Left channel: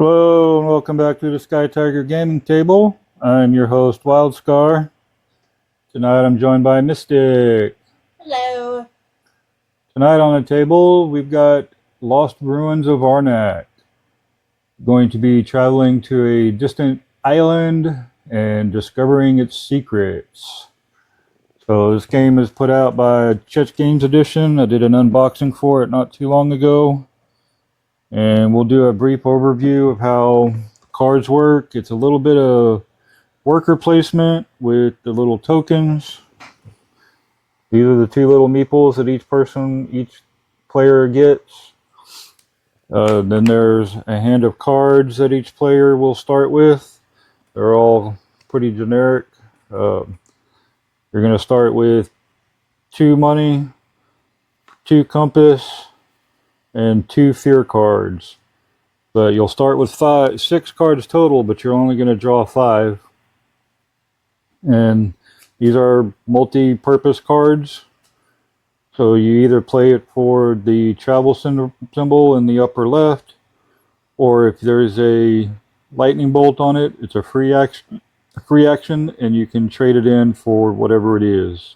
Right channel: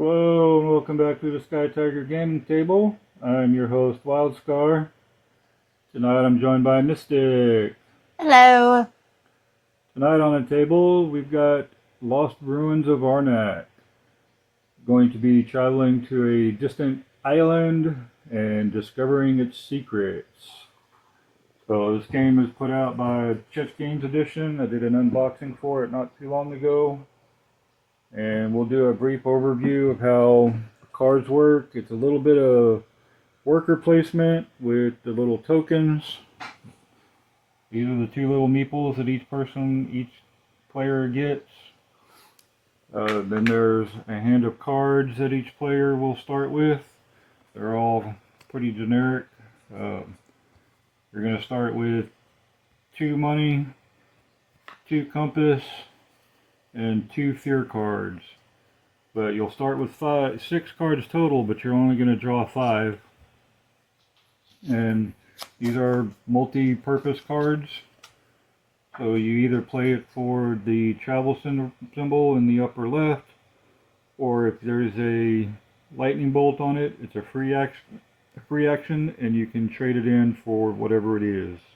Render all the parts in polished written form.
Hello and welcome back to the Skytiger gaming table. I'm your host Wildscar. Tonight I'm joined by Mystic. Hello. Tonight on the table we've got Lost Ruins of Arnak. Going to be traveling to a distant island and discovering its secrets. So this game is put out by Czech Games Edition. I did an unboxing for it not too long ago. And we'll do a brief overview of how cards work. It's a little bit of worker placement with the little tokens. These are the two little meeples that each player gets. Then there's a hand of cards that each player will start with. They're all pretty generic. You're going to start with 2 money, 2 compass, and 2 fear cards. But you'll start with 6 cards total, but you're only going to draw 5. And these are multi-purpose cards. So you either play it for the travel symbol in the upper left, or if there's a lightning bolt on it, it's a free action, and you can trade it in for whatever it is.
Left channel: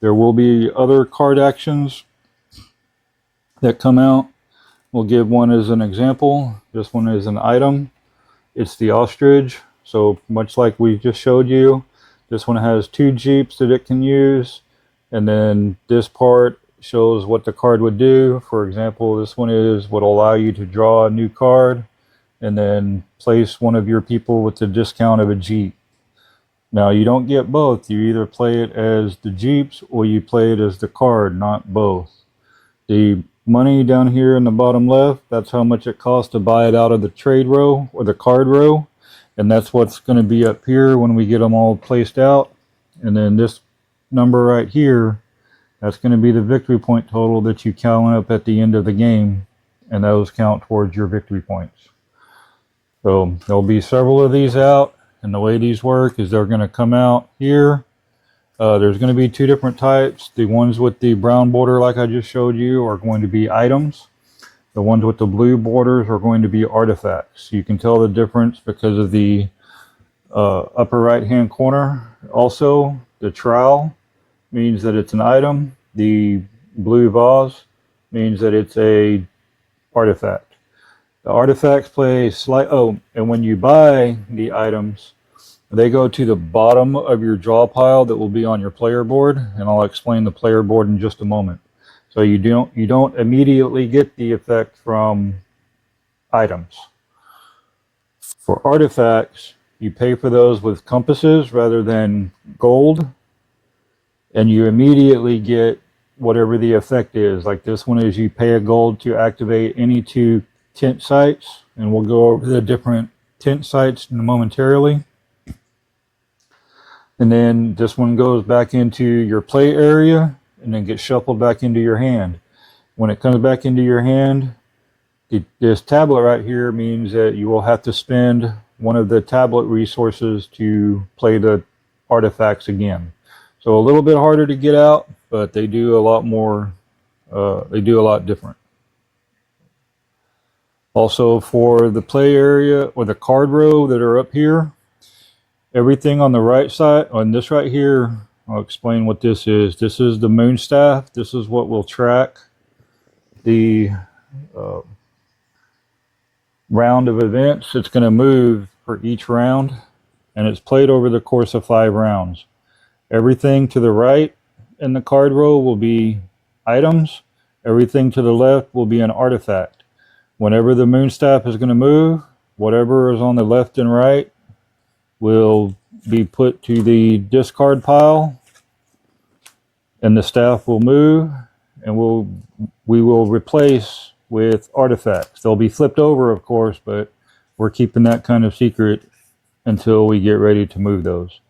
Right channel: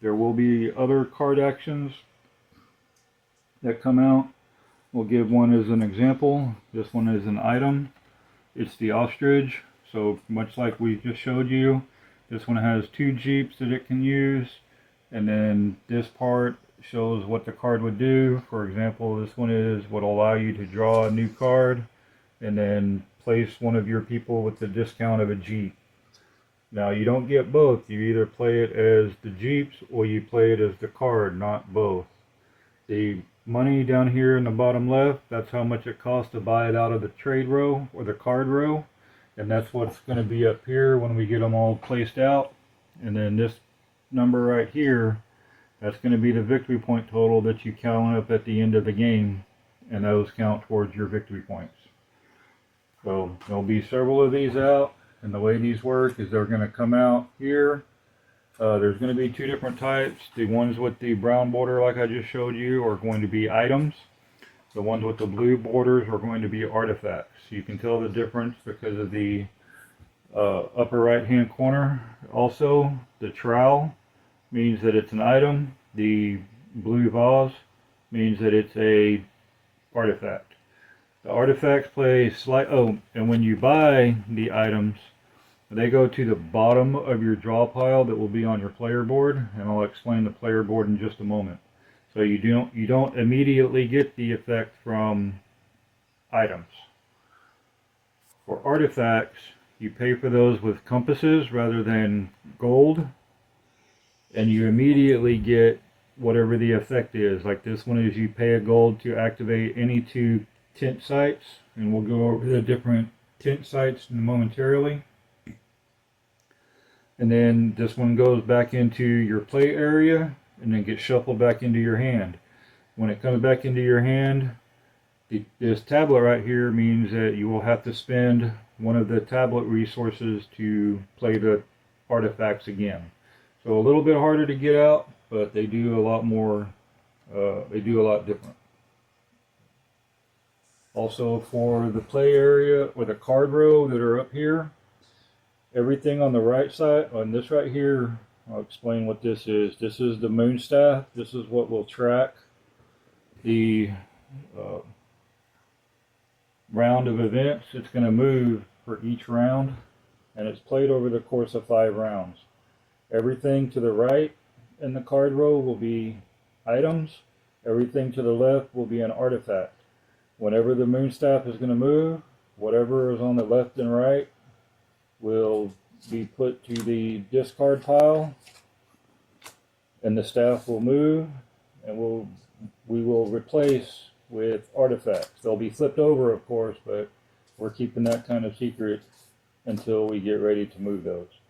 There will be other card actions that come out. We'll give one as an example. This one is an item. It's the ostrich. So much like we just showed you, this one has 2 jeeps that it can use. And then this part shows what the card would do. For example, this one would allow you to draw a new card and then place one of your people with the discount of a jeep. Now you don't get both. You either play it as the jeeps or you play it as the card, not both. The money down here in the bottom left, that's how much it costs to buy it out of the trade row or the card row, and that's what's going to be up here when we get them all placed out. And then this number right here, that's going to be the victory point total that you count up at the end of the game, and those count towards your victory points. So there'll be several of these out, and the way these work is they're going to come out here. There's going to be 2 different types. The ones with the brown border, like I just showed you, are going to be items. The ones with the blue borders are going to be artifacts. You can tell the difference because of the upper right hand corner. Also, the trowel means that it's an item. The blue vase means that it's a artifact. The artifacts play and when you buy the items, they go to the bottom of your draw pile that will be on your player board, and I'll explain the player board in just a moment. So you don't immediately get the effect from items. For artifacts, you pay for those with compasses rather than gold, and you immediately get whatever the effect is. Like this one is you pay a gold to activate any 2 tent sites, and we'll go over the different tent sites momentarily. And then this one goes back into your play area and then gets shuffled back into your hand. When it comes back into your hand, this tablet right here means that you will have to spend one of the tablet resources to play the artifacts again. So a little bit harder to get out, but they do a lot more, they do a lot different. Also for the play area or the card row that are up here, everything on the right side, on this right here, I'll explain what this is. This is the moon staff. This is what will track the round of events. It's going to move for each round, and it's played over the course of 5 rounds. Everything to the right in the card row will be items. Everything to the left will be an artifact. Whenever the moon staff is going to move, whatever is on the left and right will be put to the discard pile, and the staff will move, and we will replace with artifacts. They'll be flipped over, of course, but we're keeping that kind of secret until we get ready to move those.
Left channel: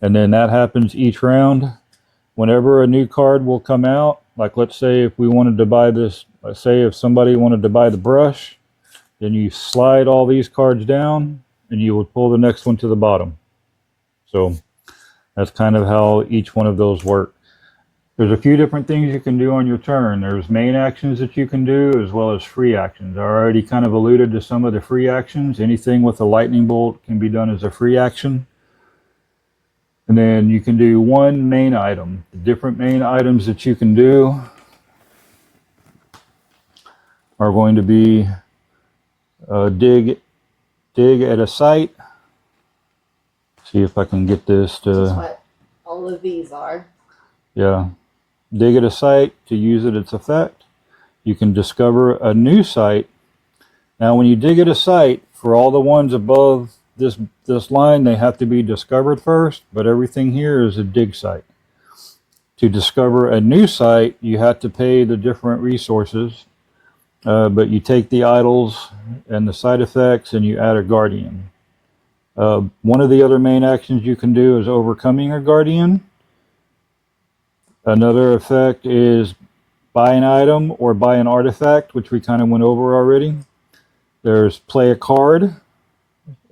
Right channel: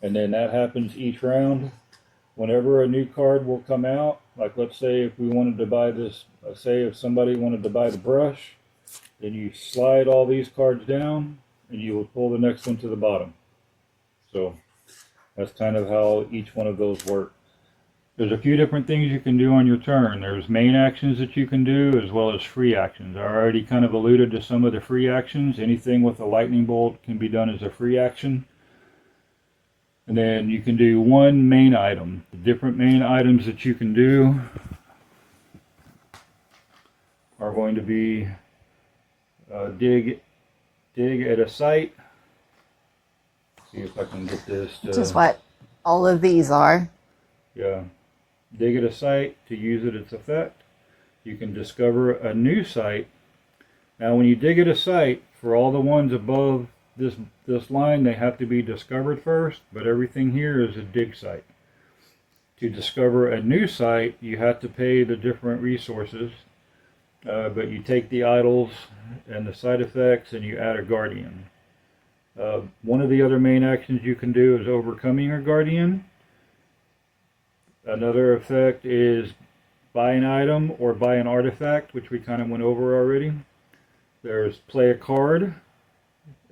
And then that happens each round. Whenever a new card will come out, like let's say if we wanted to buy this, let's say if somebody wanted to buy the brush, then you slide all these cards down and you would pull the next one to the bottom. So that's kind of how each one of those work. There's a few different things you can do on your turn. There's main actions that you can do as well as free actions. I already kind of alluded to some of the free actions. Anything with a lightning bolt can be done as a free action. And then you can do one main item. The different main items that you can do are going to be dig at a site. See if I can get this to... Which is what all of these are. Yeah. Dig at a site to use its effect. You can discover a new site. Now when you dig at a site, for all the ones above this line, they have to be discovered first, but everything here is a dig site. To discover a new site, you have to pay the different resources, but you take the idols and the side effects and you add a guardian. One of the other main actions you can do is overcoming a guardian. Another effect is buy an item or buy an artifact, which we kind of went over already. There's play a card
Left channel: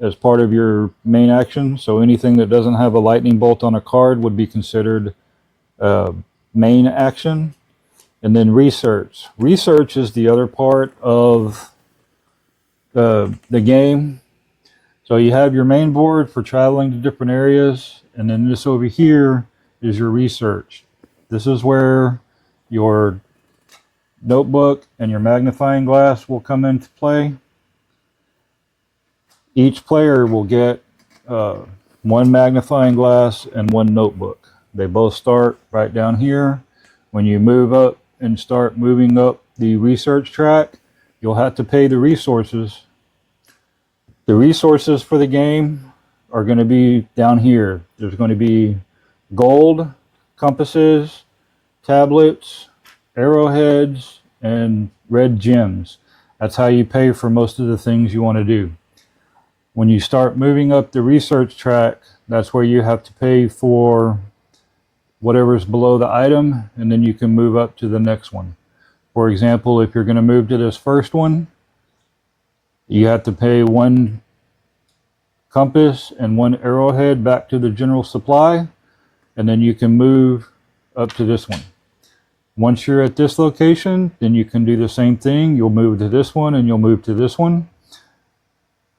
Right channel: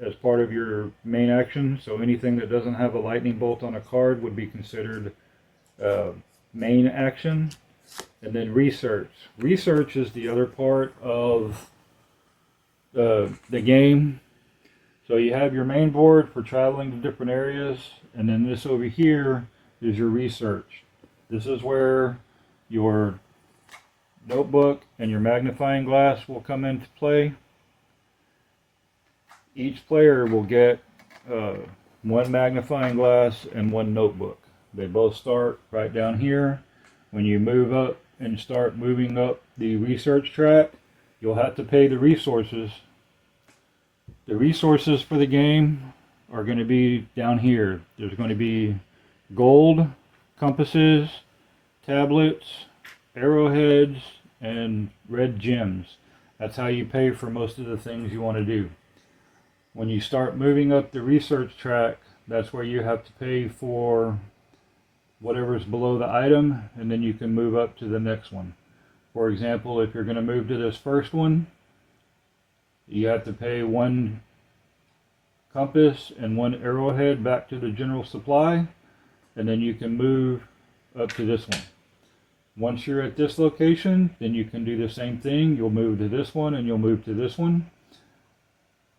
as part of your main action. So anything that doesn't have a lightning bolt on a card would be considered main action. And then research. Research is the other part of the game. So you have your main board for traveling to different areas, and then this over here is your research. This is where your notebook and your magnifying glass will come into play. Each player will get one magnifying glass and one notebook. They both start right down here. When you move up and start moving up the research track, you'll have to pay the resources. The resources for the game are going to be down here. There's going to be gold, compasses, tablets, arrowheads, and red gems. That's how you pay for most of the things you want to do. When you start moving up the research track, that's where you have to pay for whatever's below the item, and then you can move up to the next one. For example, if you're going to move to this first one, you have to pay one compass and one arrowhead back to the general supply, and then you can move up to this one. Once you're at this location, then you can do the same thing. You'll move to this one and you'll move to this one.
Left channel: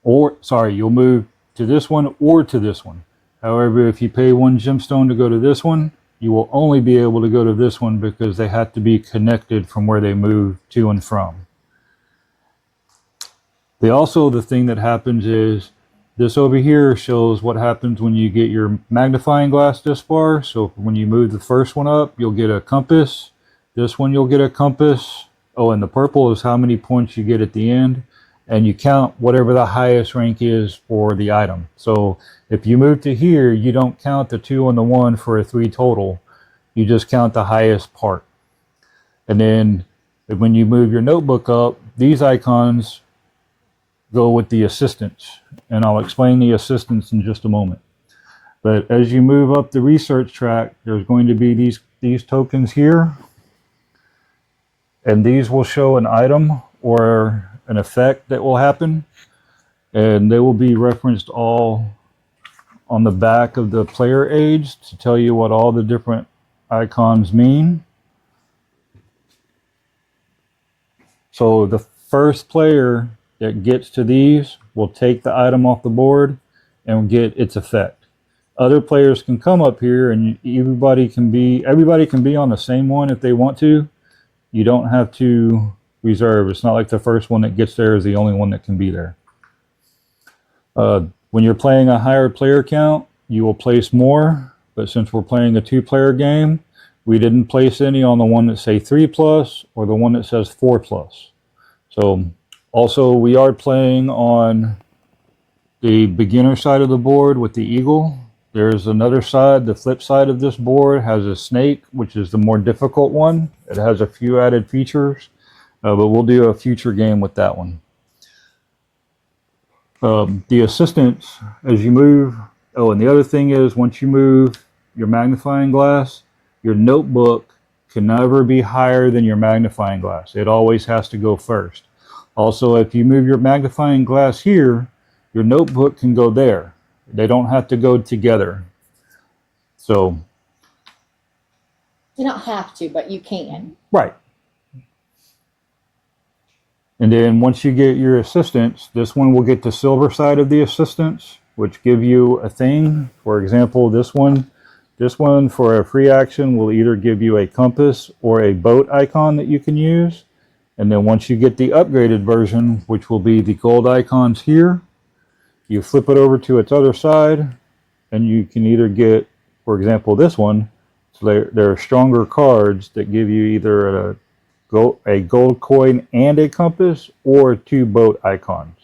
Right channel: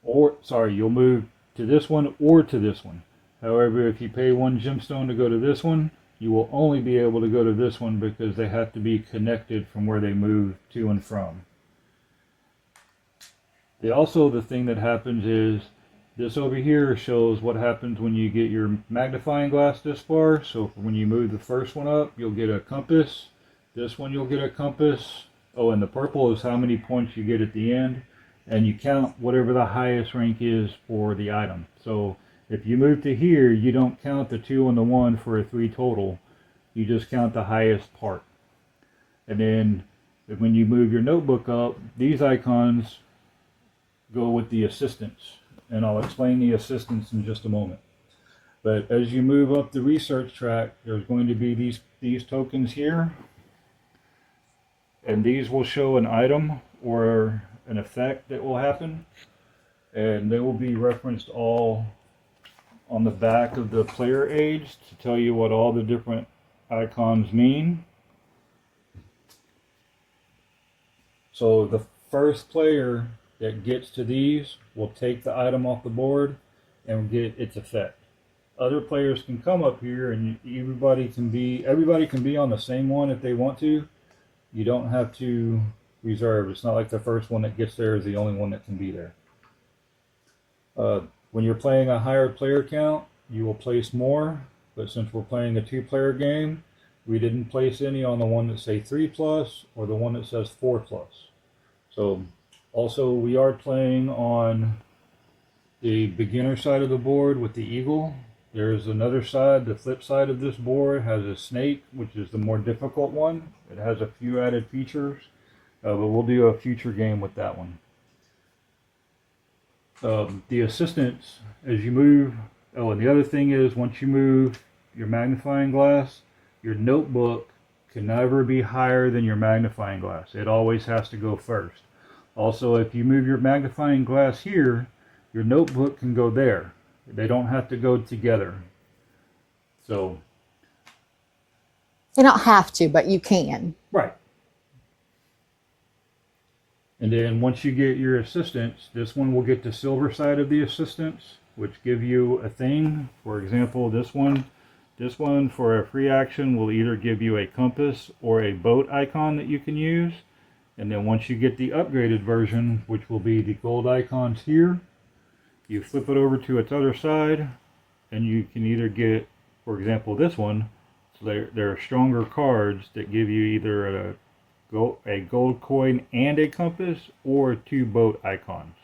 Or, sorry, you'll move to this one or to this one. However, if you pay one gemstone to go to this one, you will only be able to go to this one because they have to be connected from where they move to and from. The thing that happens is this over here shows what happens when you get your magnifying glass this far. So when you move the first one up, you'll get a compass. This one you'll get a compass. Oh, and the purple is how many points you get at the end. And you count whatever the highest rank is for the item. So if you move to here, you don't count the 2 and the 1 for a 3 total. You just count the highest part. And then when you move your notebook up, these icons go with the assistants. And I'll explain the assistants in just a moment. But as you move up the research track, there's going to be these tokens here. And these will show an item or an effect that will happen, and they will be referenced all on the back of the player aids to tell you what all the different icons mean. So the first player that gets to these will take the item off the board and get its effect. Other players can come up here and everybody can be on the same one if they want to. You don't have to reserve. It's not like the first one that gets there is the only one that can be there. When you're playing a higher player count, you will place more, but since we're playing a 2-player game, we didn't place any on the one that say 3+ or the one that says 4+. So also we are playing on the beginner side of the board with the eagle. There's another side, the flip side of this board has a snake, which is the more difficult one. It has a few added features. But we'll do a future game with that one. The assistants, as you move, and the other thing is once you move your magnifying glass, your notebook can never be higher than your magnifying glass. It always has to go first. Also, if you move your magnifying glass here, your notebook can go there. They don't have to go together. So You don't have to, but you can. Right. And then once you get your assistants, this one will get the silver side of the assistants, which give you a thing. For example, this one for a free action will either give you a compass or a boat icon that you can use. And then once you get the upgraded version, which will be the gold icons here, you flip it over to its other side, and you can either get, for example, this one. So there are stronger cards that give you either a gold coin and a compass, or 2 boat icons.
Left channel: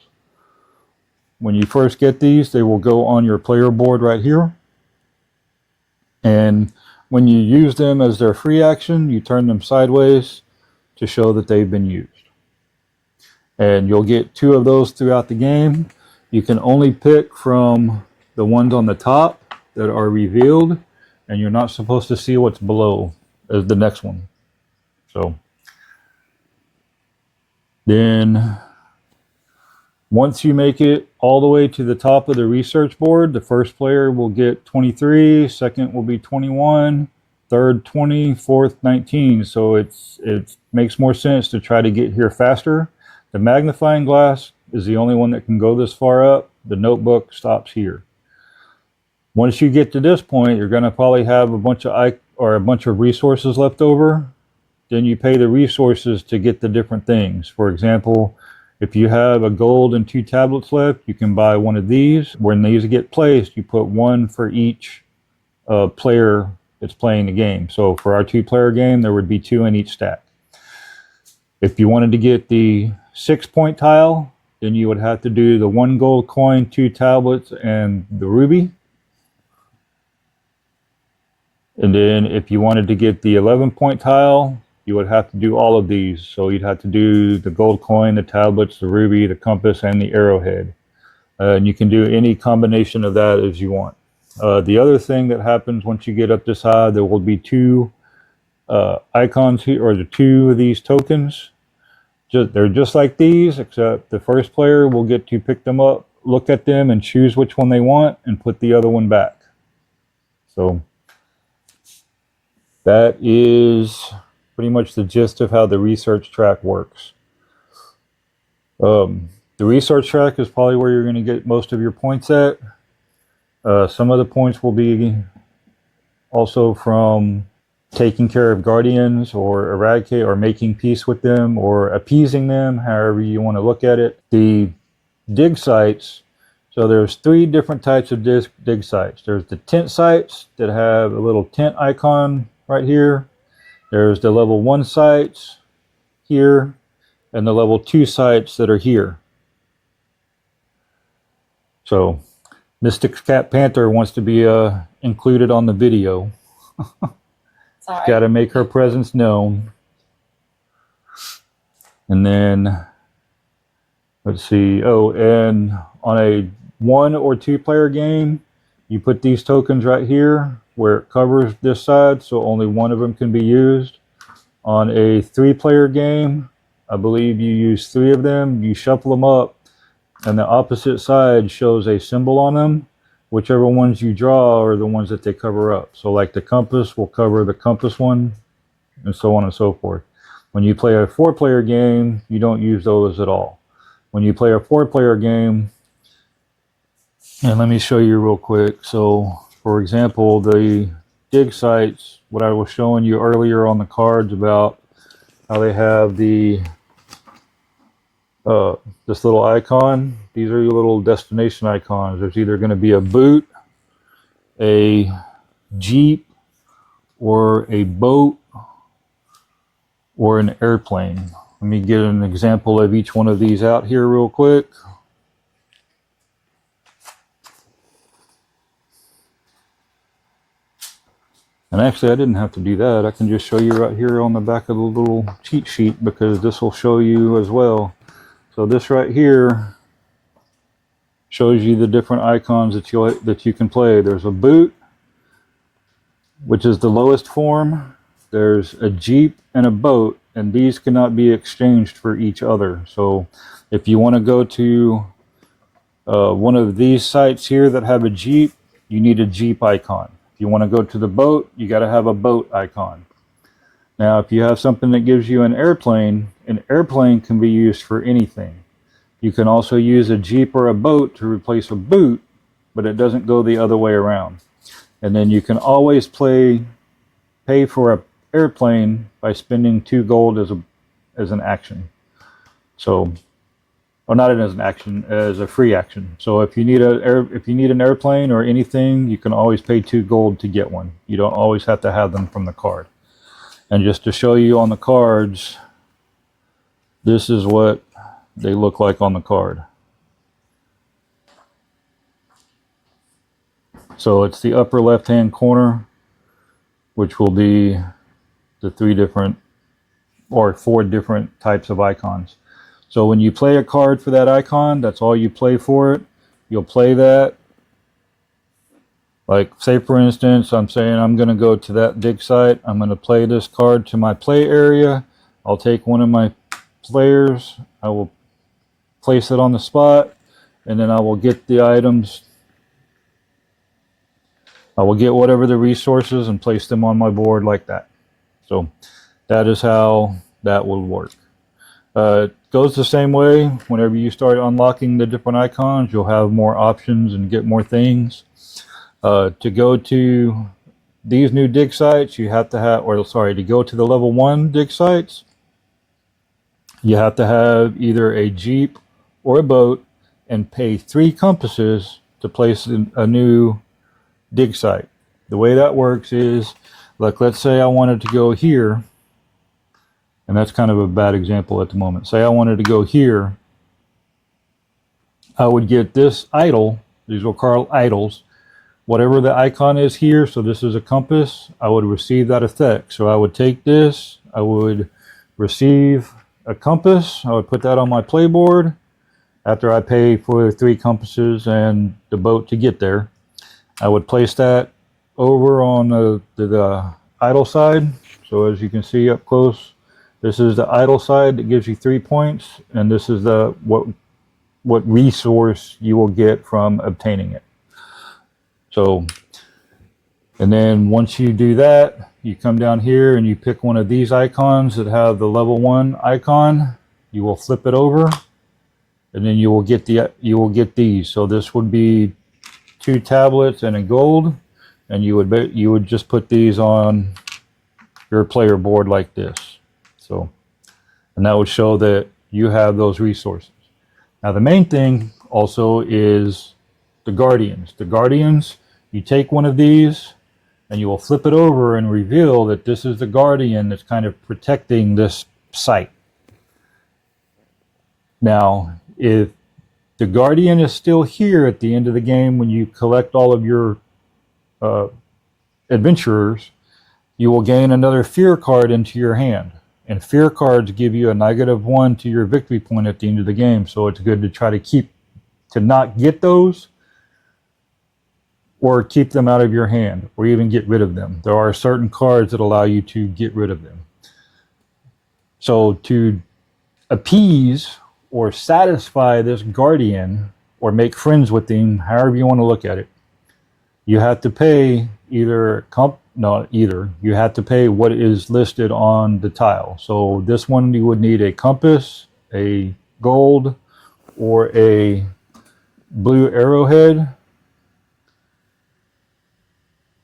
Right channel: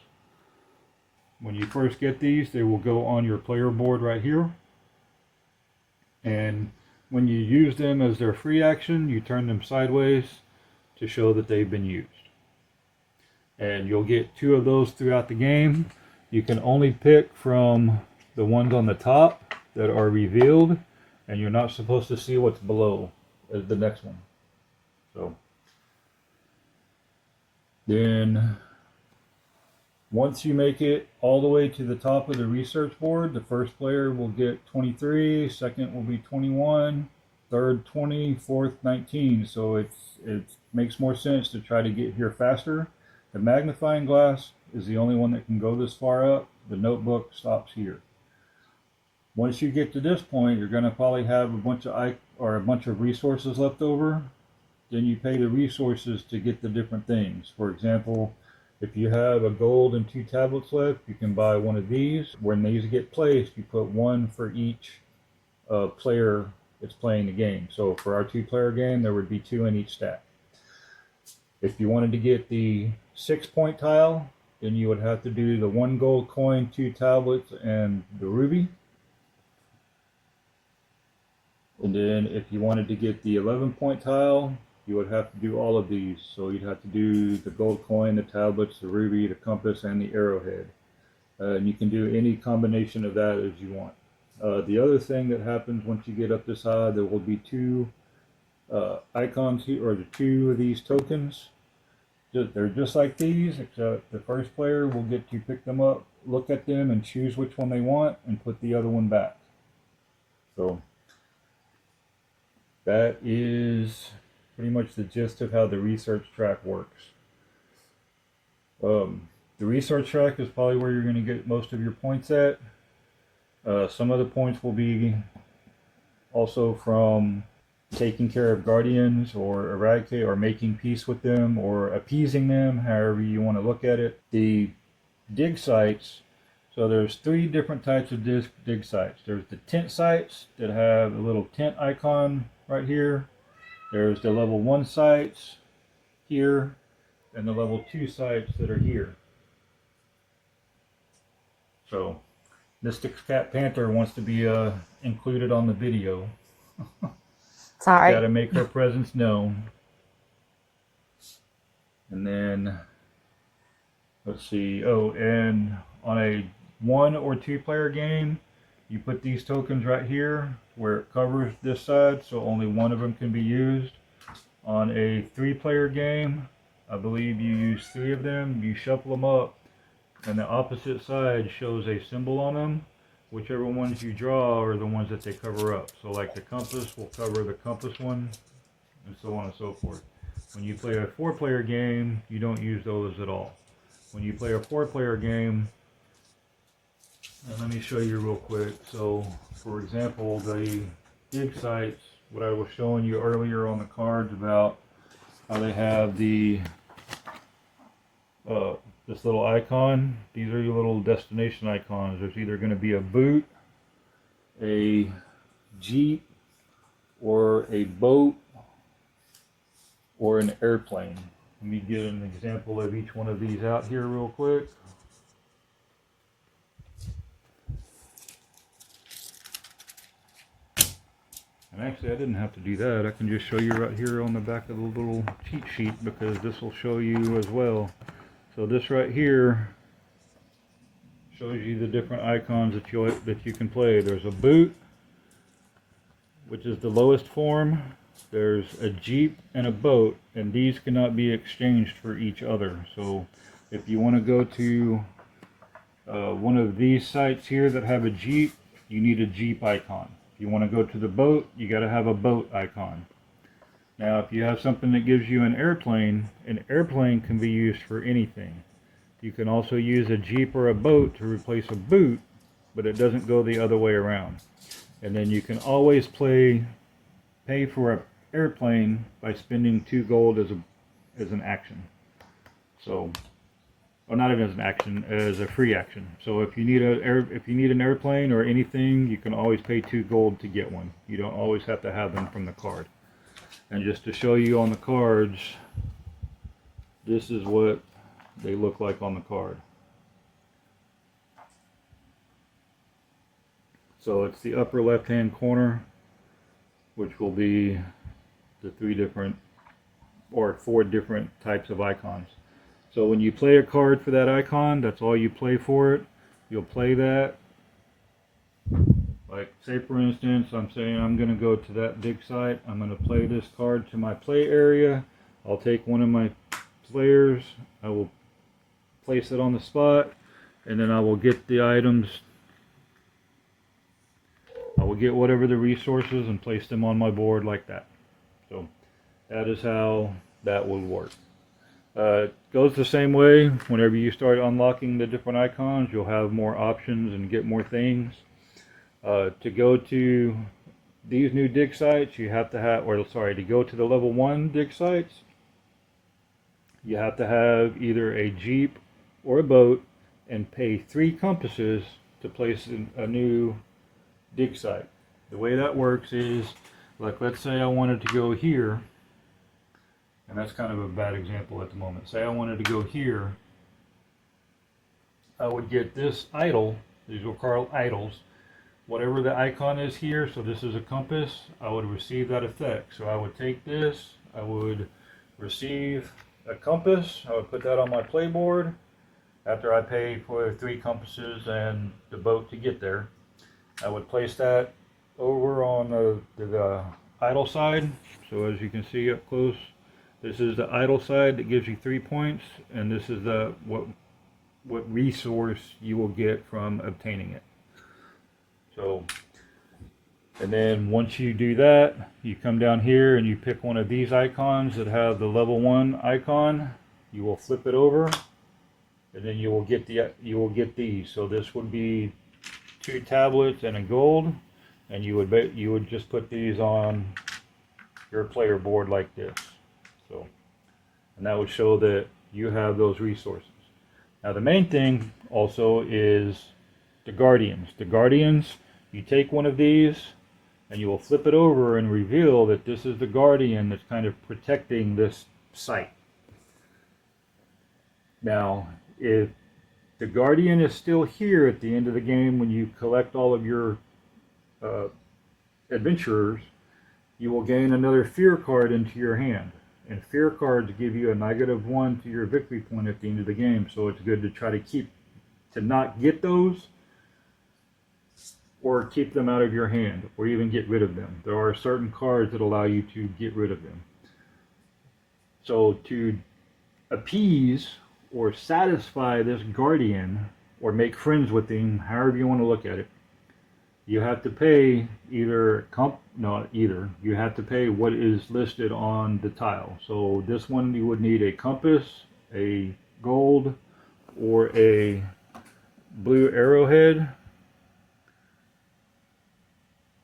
When you first get these, they will go on your player board right here. And when you use them as their free action, you turn them sideways to show that they've been used. And you'll get 2 of those throughout the game. You can only pick from the ones on the top that are revealed, and you're not supposed to see what's below as the next one. So then once you make it all the way to the top of the research board, the first player will get 23, second will be 21, third 20, fourth 19. So it makes more sense to try to get here faster. The magnifying glass is the only one that can go this far up. The notebook stops here. Once you get to this point, you're going to probably have a bunch of resources left over. Then you pay the resources to get the different things. For example, if you have a gold and 2 tablets left, you can buy one of these. When these get placed, you put 1 for each player that's playing the game. So for our 2-player game, there would be 2 in each stack. If you wanted to get the 6-point tile, then you would have to do the 1 gold coin, 2 tablets, and the ruby. And then if you wanted to get the 11-point tile, you would have to do all of these. So you'd have to do the gold coin, the tablets, the ruby, the compass, and the arrowhead. And you can do any combination of that as you want. The other thing that happens once you get up this high, there will be 2 icons here, or the 2 of these tokens. They're just like these, except the first player will get to pick them up, look at them, and choose which one they want, and put the other one back. So that is pretty much the gist of how the research track works. The research track is probably where you're going to get most of your points at. Some of the points will be also from taking care of guardians, or eradicate, or making peace with them, or appeasing them, however you want to look at it. The dig sites, so there's 3 different types of dig sites. There's the tent sites that have a little tent icon right here. There's the level 1 sites here, and the level 2 sites that are here. So Mystic Cat Panther wants to be included on the video. Sorry. Got to make her presence known. And then, let's see. Oh, and on a 1 or 2 player game, you put these tokens right here where it covers this side, so only one of them can be used. On a 3-player game, I believe you use 3 of them. You shuffle them up, and the opposite side shows a symbol on them. Whichever ones you draw are the ones that they cover up. So like the compass will cover the compass one, and so on and so forth. When you play a 4-player game, you don't use those at all. When you play a 4-player game, and let me show you real quick. So for example, the dig sites, what I was showing you earlier on the cards about how they have the this little icon. These are your little destination icons. There's either going to be a boot, a jeep, or a boat, or an airplane. Let me get an example of each one of these out here real quick. And actually, I didn't have to do that. I can just show you right here on the back of the little cheat sheet, because this will show you as well. So this right here shows you the different icons that you can play. There's a boot, which is the lowest form. There's a jeep and a boat, and these cannot be exchanged for each other. So if you want to go to one of these sites here that have a jeep, you need a jeep icon. If you want to go to the boat, you got to have a boat icon. Now, if you have something that gives you an airplane can be used for anything. You can also use a Jeep or a boat to replace a boot, but it doesn't go the other way around. And then you can always pay for an airplane by spending 2 gold as an action. So, or not as an action, as a free action. So if you need an airplane or anything, you can always pay 2 gold to get one. You don't always have to have them from the card. And just to show you on the cards, this is what they look like on the card. So it's the upper left hand corner, which will be the 4 different types of icons. So when you play a card for that icon, that's all you play for it. You'll play that. Like, say for instance, I'm saying I'm going to go to that Digsite. I'm going to play this card to my play area. I'll take one of my players. I will place it on the spot, and then I will get the items. I will get whatever the resources and place them on my board like that. So that is how that will work. It goes the same way. Whenever you start unlocking the different icons, you'll have more options and get more things. To go to these new dig sites, you have to have, to go to the level 1 dig sites, you have to have either a Jeep or a boat and pay 3 compasses to place a new dig site. The way that works is, like, let's say I wanted to go here, and that's kind of a bad example at the moment. Say I wanted to go here, I would get this idol. These will call idols. Whatever the icon is here, so this is a compass, I would receive that effect. So I would take this, I would receive a compass, I would put that on my playboard after I pay for 3 compasses and the boat to get there. I would place that over on the idle side. So as you can see up close, this is the idle side that gives you 3 points, and this is what resource you will get from obtaining it. So, and then once you do that, you come down here and you pick one of these icons that have the level 1 icon. You will flip it over, and then you will get these. So this would be 2 tablets and a gold, and you would just put these on your player board like this. So, and that would show that you have those resources. Now the main thing also is the guardians. The guardians, you take one of these and you will flip it over and reveal that this is the guardian that's kind of protecting this site. Now, if the guardian is still here at the end of the game when you collect all of your adventurers, you will gain another fear card into your hand. And fear cards give you a -1 to your victory point at the end of the game. So it's good to try to not get those, or keep them out of your hand, or even get rid of them. There are certain cards that allow you to get rid of them. So to appease or satisfy this guardian, or make friends with him, however you want to look at it, you have to pay you have to pay what is listed on the tile. So this one, you would need a compass, a gold, or a blue arrowhead.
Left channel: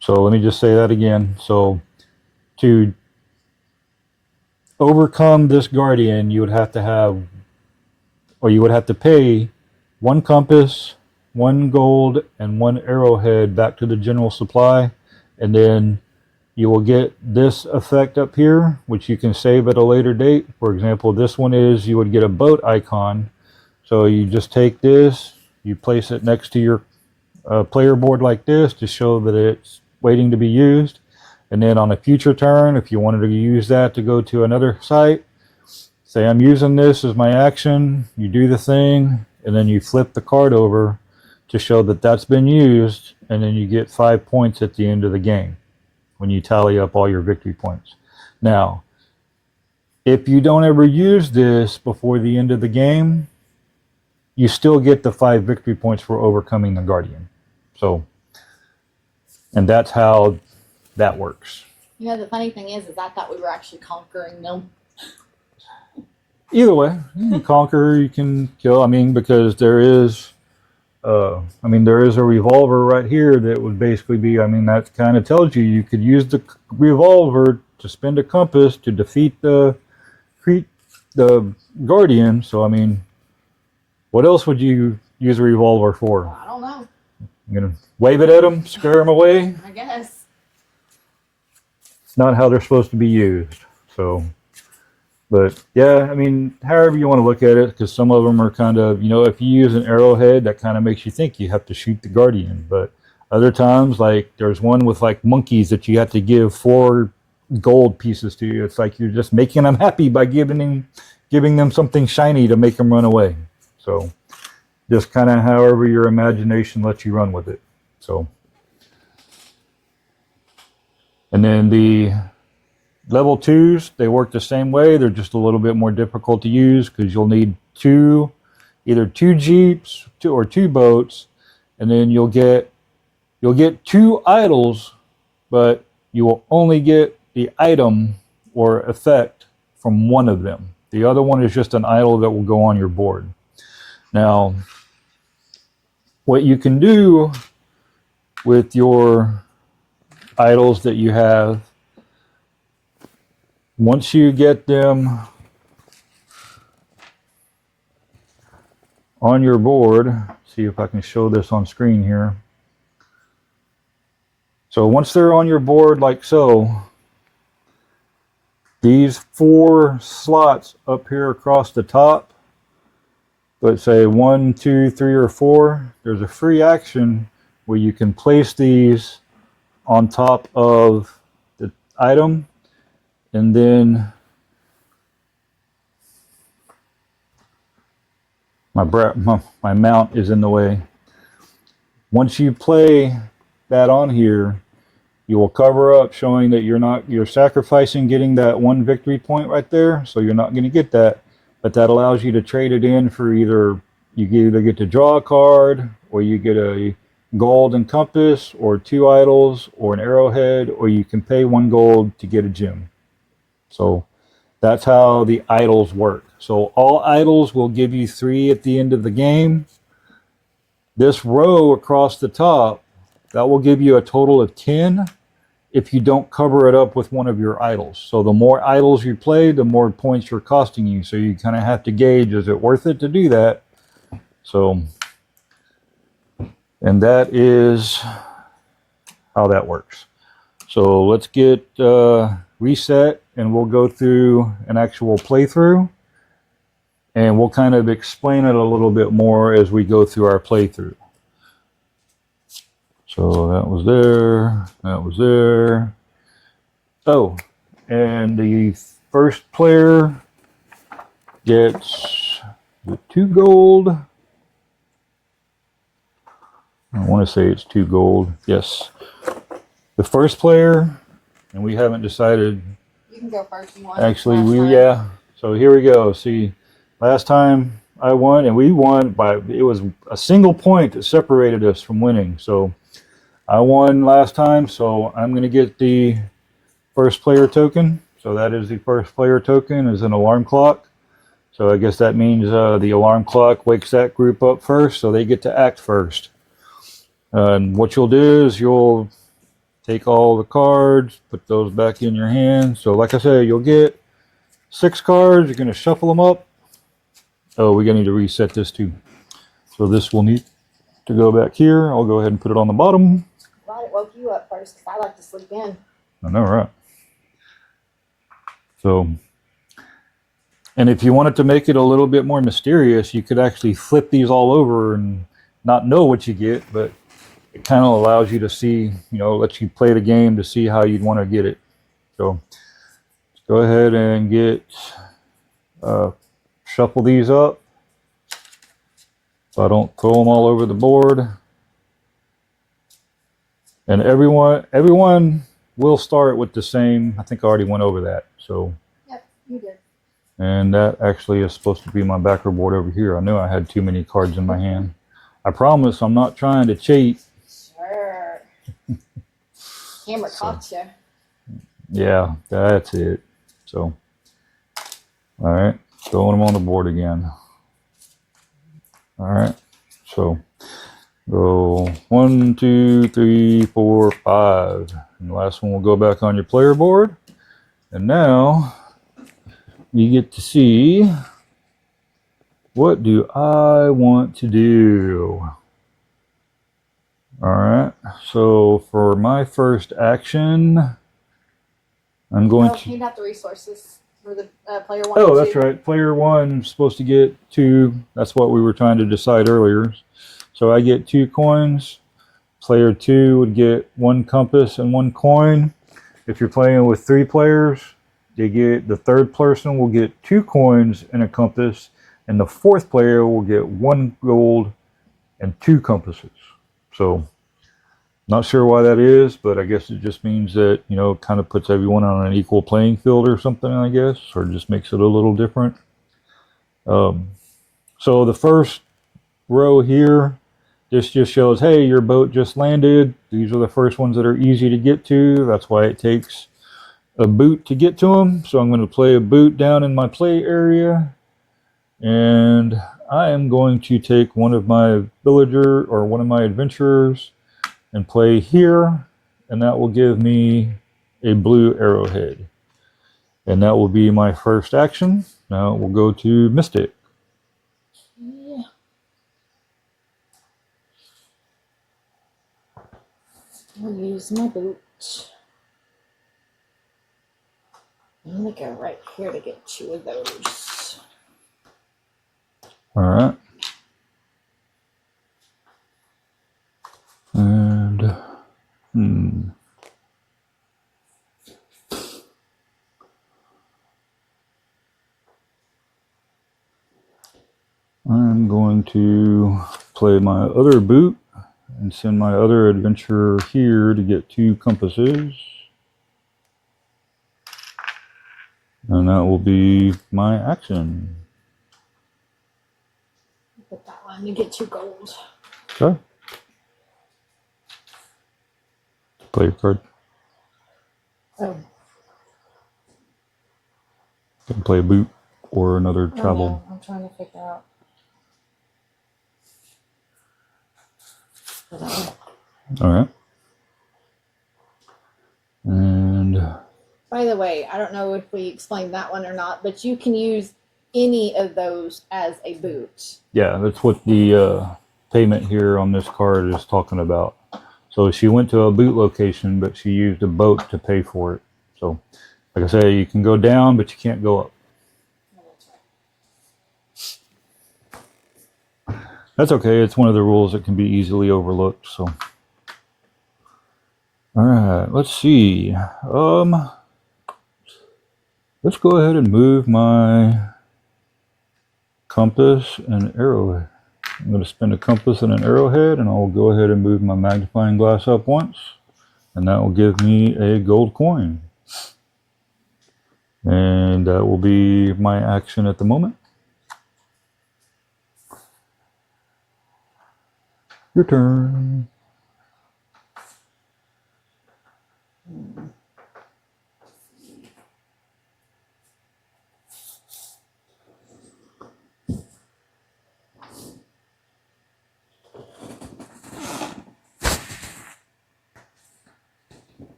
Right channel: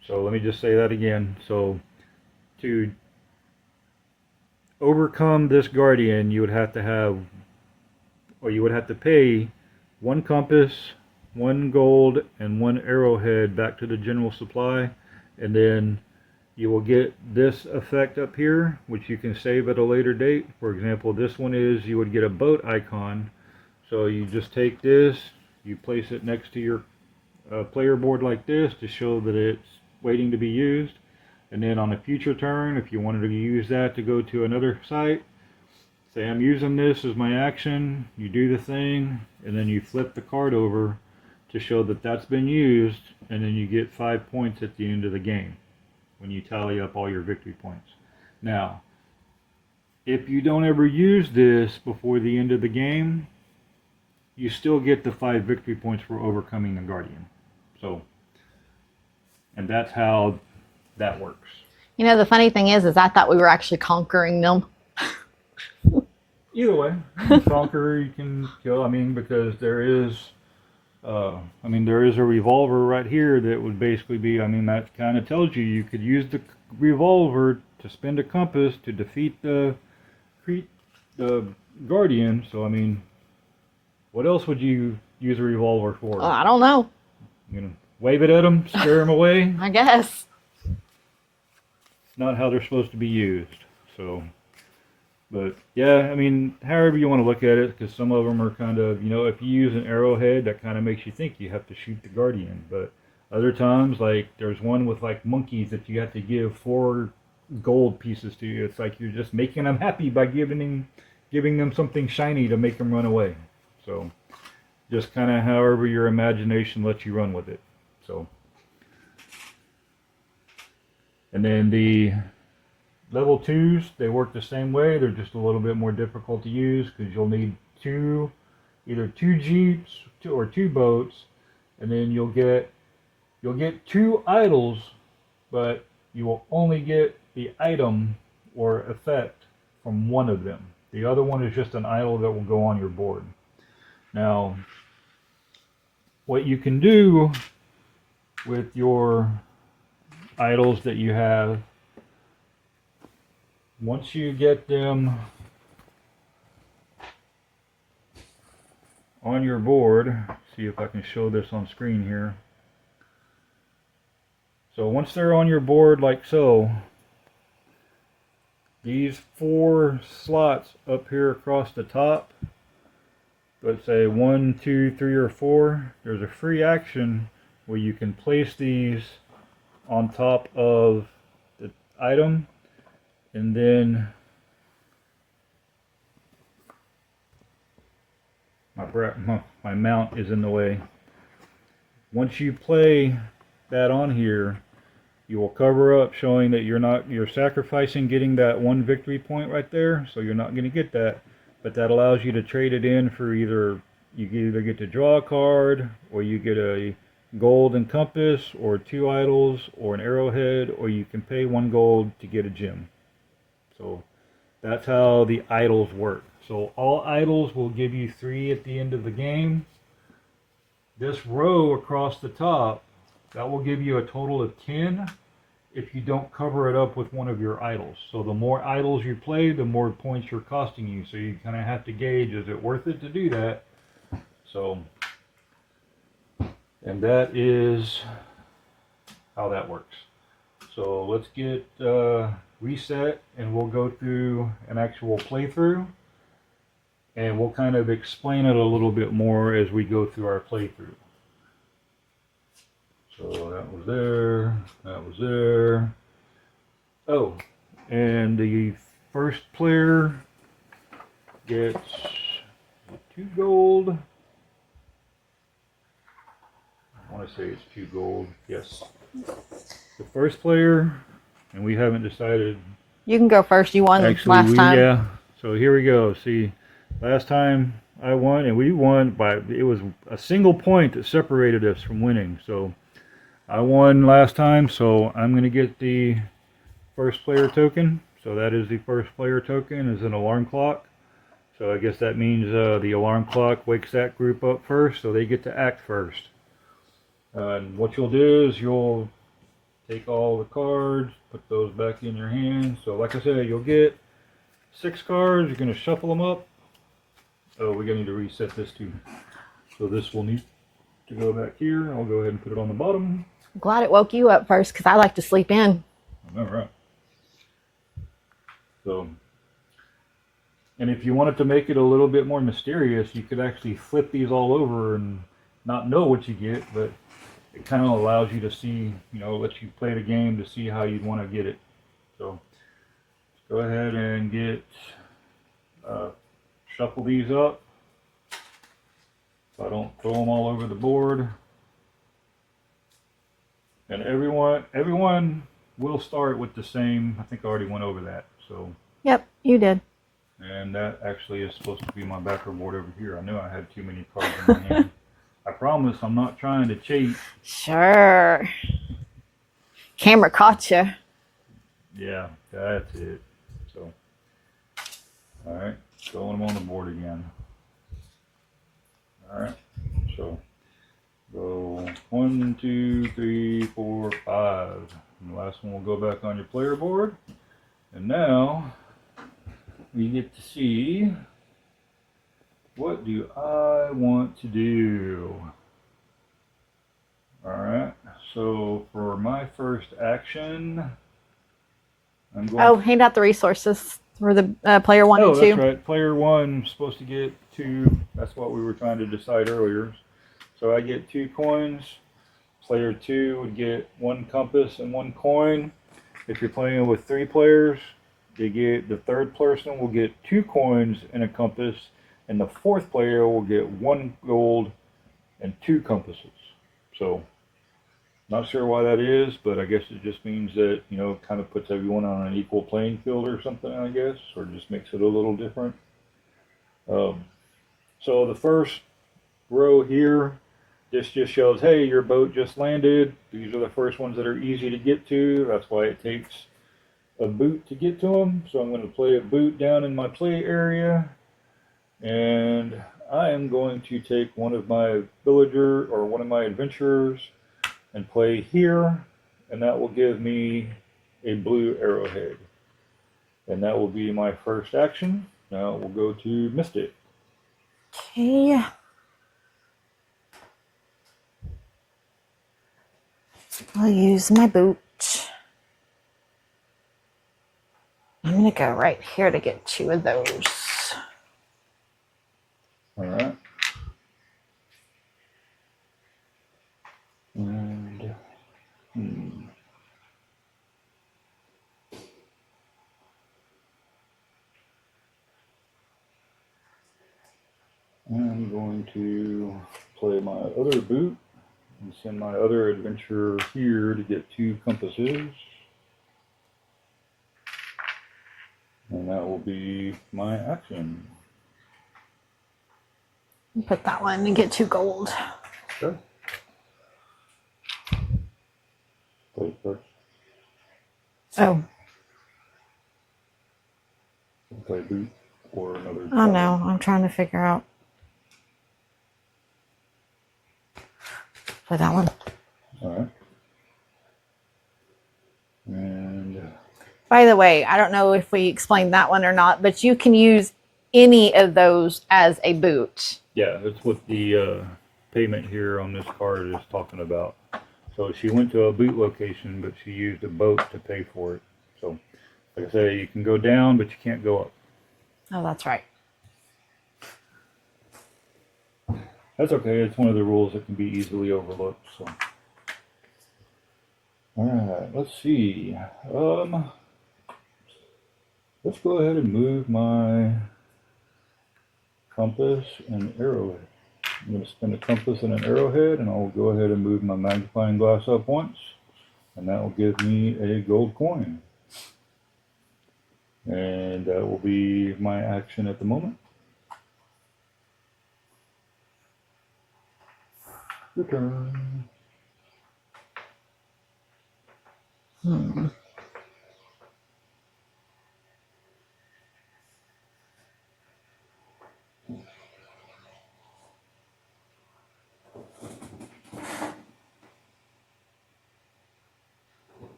So let me just say that again. So to overcome this guardian, you would have to pay 1 compass, 1 gold, and 1 arrowhead back to the general supply. And then you will get this effect up here, which you can save at a later date. For example, this one is, you would get a boat icon. So you just take this, you place it next to your player board like this to show that it's waiting to be used. And then on a future turn, if you wanted to use that to go to another site, say I'm using this as my action, you do the thing, and then you flip the card over to show that that's been used, and then you get 5 points at the end of the game when you tally up all your victory points. Now, if you don't ever use this before the end of the game, you still get the 5 victory points for overcoming the guardian. So, and that's how that works. You know, the funny thing is I thought we were actually conquering them. Either way, you can conquer, you can kill. I mean, because there is, there is a revolver right here that would basically be. I mean, that kind of tells you you could use the revolver to spin a compass to defeat the guardian. So I mean, what else would you use a revolver for? I don't know. You're gonna wave it at them, scare them away. I guess. It's not how they're supposed to be used. So. But yeah, I mean, however you want to look at it, because some of them are kind of, if you use an arrowhead, that kind of makes you think you have to shoot the guardian. But other times, like there's one with like monkeys that you have to give 4 gold pieces to. It's like you're just making them happy by giving them something shiny to make them run away. So just kind of however your imagination lets you run with it. So, and then the Level 2s, they work the same way. They're just a little bit more difficult to use because you'll need either two jeeps or 2 boats, and then you'll get 2 idols, but you will only get the item or effect from one of them. The other one is just an idol that will go on your board. Now, what you can do with your idols that you have, once you get them on your board, see if I can show this on screen here. So once they're on your board like so, these 4 slots up here across the top, let's say 1, 2, 3, or 4, there's a free action where you can place these on top of the item. And then my mount is in the way. Once you play that on here, you will cover up showing that you're sacrificing getting that 1 victory point right there, so you're not going to get that. But that allows you to trade it in for you either get to draw a card, or you get a gold and compass, or 2 idols, or an arrowhead, or you can pay 1 gold to get a gem. So that's how the idols work. So all idols will give you 3 at the end of the game. This row across the top, that will give you a total of 10 if you don't cover it up with one of your idols. So the more idols you play, the more points you're costing you. So you kind of have to gauge, is it worth it to do that? So, and that is how that works. So let's get reset, and we'll go through an actual playthrough, and we'll kind of explain it a little bit more as we go through our playthrough. So that was there. Oh, and the first player gets the 2 gold. I want to say it's 2 gold. Yes. The first player, and we haven't decided. You can go first. You won last time. Yeah. So here we go. See, last time I won, and we won it was a single point that separated us from winning. So I won last time, so I'm going to get the first player token. So that is the first player token is an alarm clock. So I guess that means the alarm clock wakes that group up first, so they get to act first. And what you'll do is you'll take all the cards, put those back in your hand. So like I said, you'll get 6 cards. You're going to shuffle them up. Oh, we're going to need to reset this too. So this will need to go back here. I'll go ahead and put it on the bottom. I'm glad it woke you up first, because I like to sleep in. I know, right? So, and if you wanted to make it a little bit more mysterious, you could actually flip these all over and not know what you get, but it kind of allows you to see, lets you play the game to see how you'd want to get it. So let's go ahead and shuffle these up so I don't throw them all over the board. And everyone will start with the same. I think I already went over that. So. Yep, you did. And that actually is supposed to be my backer board over here. I knew I had too many cards in my hand. I promise I'm not trying to cheat. Sure. Camera caught you. Yeah, that's it. So, all right, throwing them on the board again. All right, so go 1, 2, 3, 4, 5. And the last one will go back on your player board. And now you get to see, what do I want to do? All right, so for my first action, I'm going to hand out the resources for the player 1 Oh, and 2. that's right. Player 1 is supposed to get 2. That's what we were trying to decide earlier. So I get 2 coins. Player 2 would get 1 compass and 1 coin. If you're playing with 3 players, the third person will get 2 coins and a compass, and the fourth player will get 1 gold and 2 compasses. So, not sure why that is, but I guess it just means that, you know, it kind of puts everyone on an equal playing field or something, I guess, or just makes it a little different. So the first row here, this just shows, hey, your boat just landed. These are the first ones that are easy to get to. That's why it takes a boot to get to them. So I'm going to play a boot down in my play area. And I am going to take one of my villager or one of my adventurers and play here, and that will give me a blue arrowhead. And that will be my first action. Now we'll go to Mystic. Okay. I'll use my boot. I'm going to go right here to get 2 of those. All right. And I'm going to play my other boot and send my other adventurer here to get 2 compasses. And that will be my action. Put that one and get 2 gold. Okay. Play your card. Oh. You can play a boot or another travel. Oh no, I'm trying to figure out. Play that one. All right. And by the way, I don't know if we explained that one or not, but you can use any of those as a boot. yeah, that's what the payment here on this card is talking about. So she went to a boot location, but she used a boat to pay for it. So, like I say, you can go down, but you can't go up. Oh, that's right. That's okay. It's one of the rules that can be easily overlooked. So, all right. Let's see. Let's go ahead and move my compass and arrowhead. I'm going to spend a compass and an arrowhead, and I'll go ahead and move my magnifying glass up once, and that will give me a gold coin. And that will be my action at the moment. Your turn.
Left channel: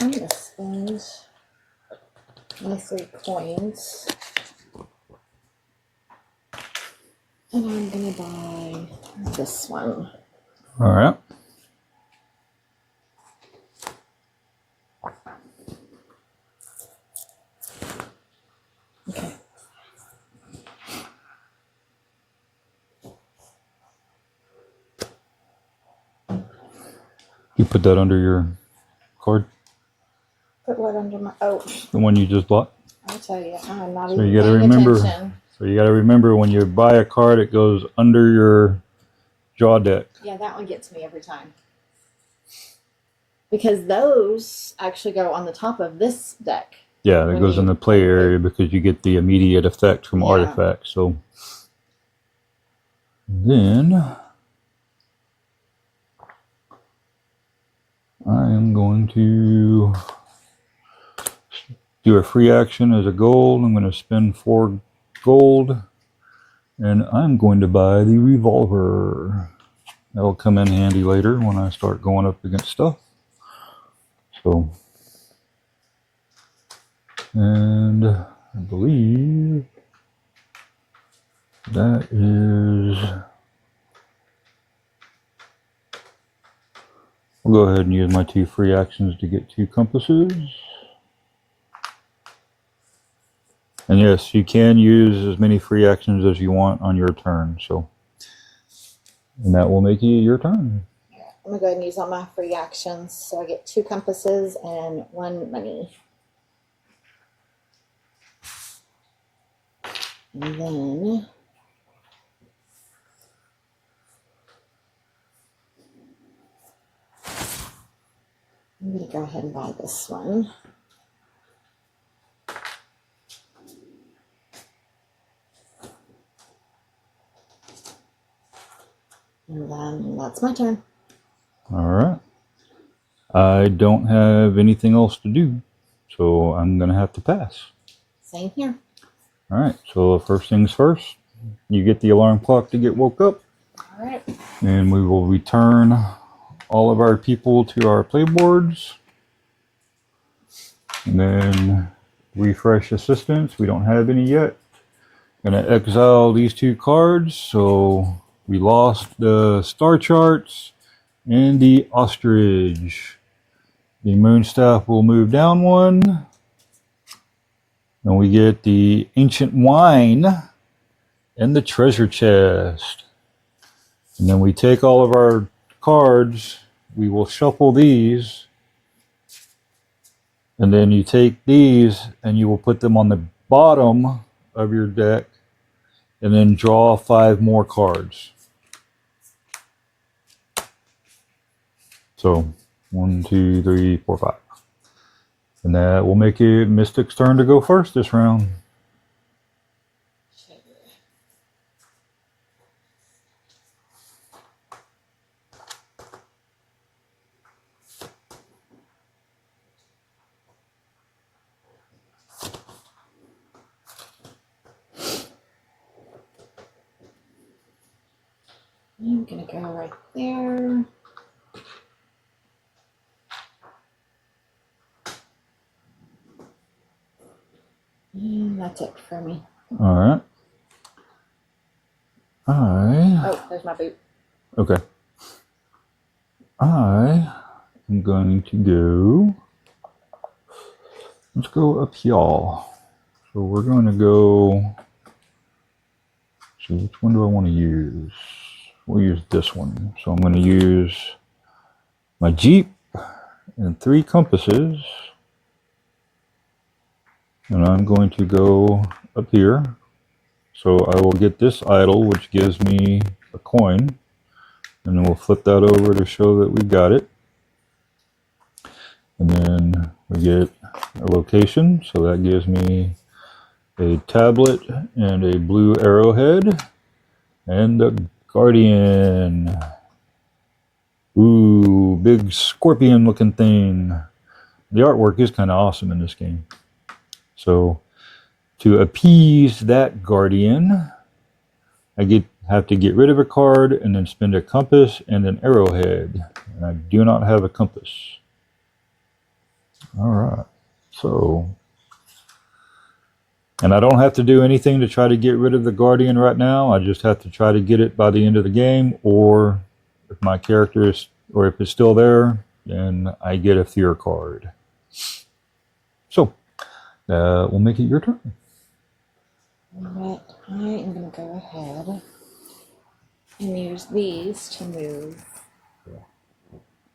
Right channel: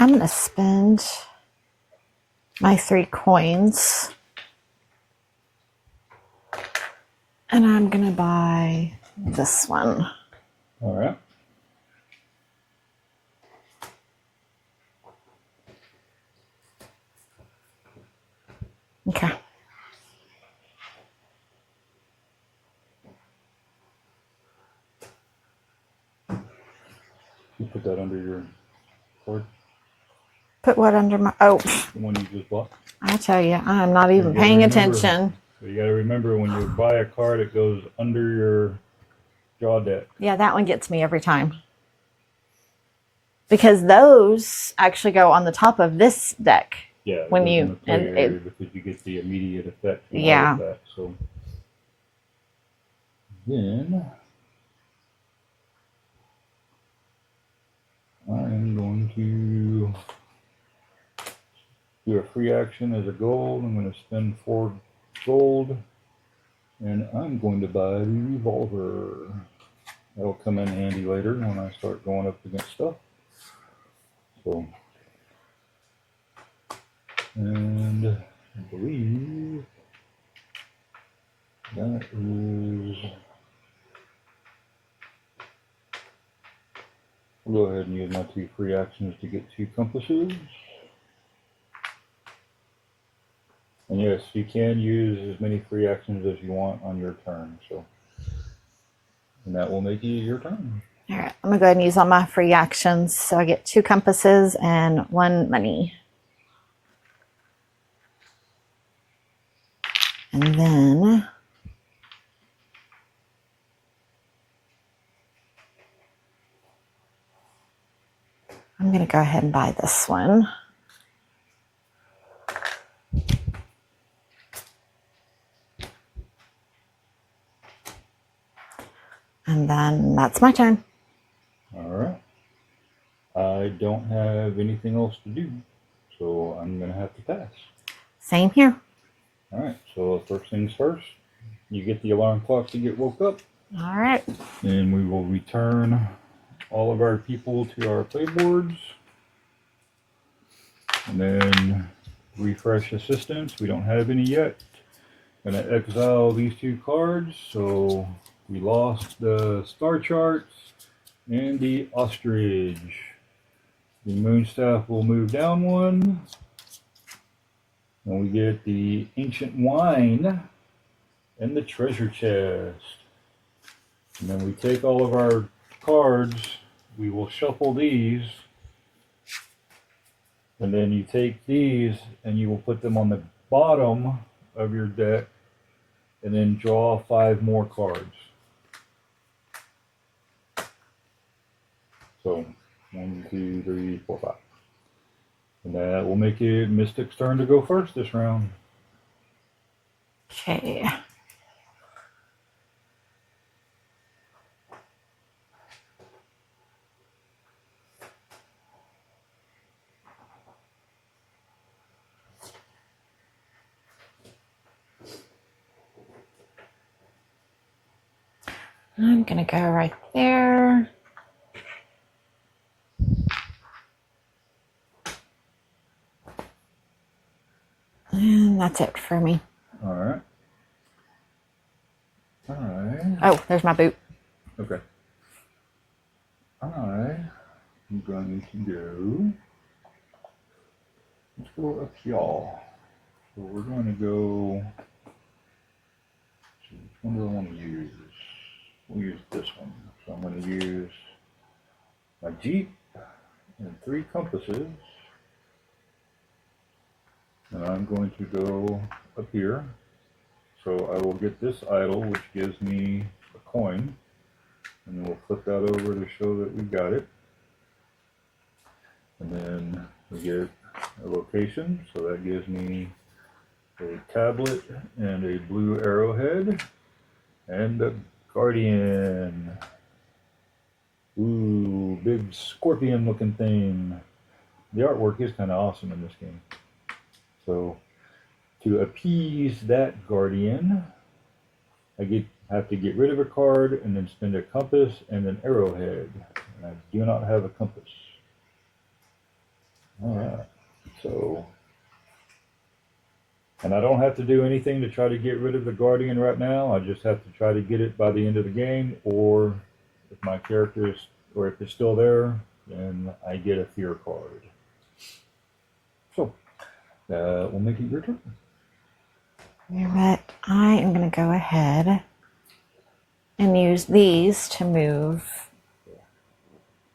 I'm going to spend my 3 coins. And I'm going to buy this one. All right. Okay. You put that under your card? Put what under my... Oh. The one you just bought? I tell you, I'm not even you gotta paying remember- attention. So you got to remember, when you buy a card, it goes under your draw deck. Yeah, that one gets me every time. Because those actually go on the top of this deck. Yeah, that when goes you- in the play and- area because you get the immediate effect from Yeah. artifacts. So then I am going to do a free action as a gold. I'm going to spend 4 gold, and I'm going to buy the Revolver. That'll come in handy later when I start going up against stuff. So, and I believe that is, I'll go ahead and use my 2 free actions to get 2 compasses. And yes, you can use as many free actions as you want on your turn. So, and that will make it your turn. All right, I'm gonna go ahead and use all my free actions. So I get 2 compasses and 1 money. And then I'm gonna go ahead and buy this one. And then that's my turn. All right. I don't have anything else to do, so I'm going to have to pass. Same here. All right. So first things first, you get the alarm clock to get woke up. All right. And we will return all of our people to our playboards. And then refresh assistants. We don't have any yet. Going to exile these 2 cards. So we lost the star charts and the ostrich. The moonstaff will move down 1. And we get the ancient wine and the treasure chest. And then we take all of our cards. We will shuffle these. And then you take these and you will put them on the bottom of your deck. And then draw 5 more cards. So 1, 2, 3, 4, 5. And that will make it Mystic's turn to go first this round. Okay. I'm gonna go right there. And that's it for me. All right. Oh, there's my boot. Okay. I am going to go. Let's go up here. So we're going to go. So which one do I want to use? We'll use this one. So I'm going to use my Jeep and 3 compasses. And I'm going to go up here. So I will get this idol, which gives me a coin. And then we'll flip that over to show that we got it. And then we get a location. So that gives me a tablet and a blue arrowhead. And a guardian. Ooh, big scorpion looking thing. The artwork is kind of awesome in this game. So to appease that guardian, I have to get rid of a card and then spend a compass and an arrowhead. And I do not have a compass. All right. So, and I don't have to do anything to try to get rid of the guardian right now. I just have to try to get it by the end of the game, or if my character is, or if it's still there, then I get a fear card. So, we'll make it your turn. But I am going to go ahead and use these to move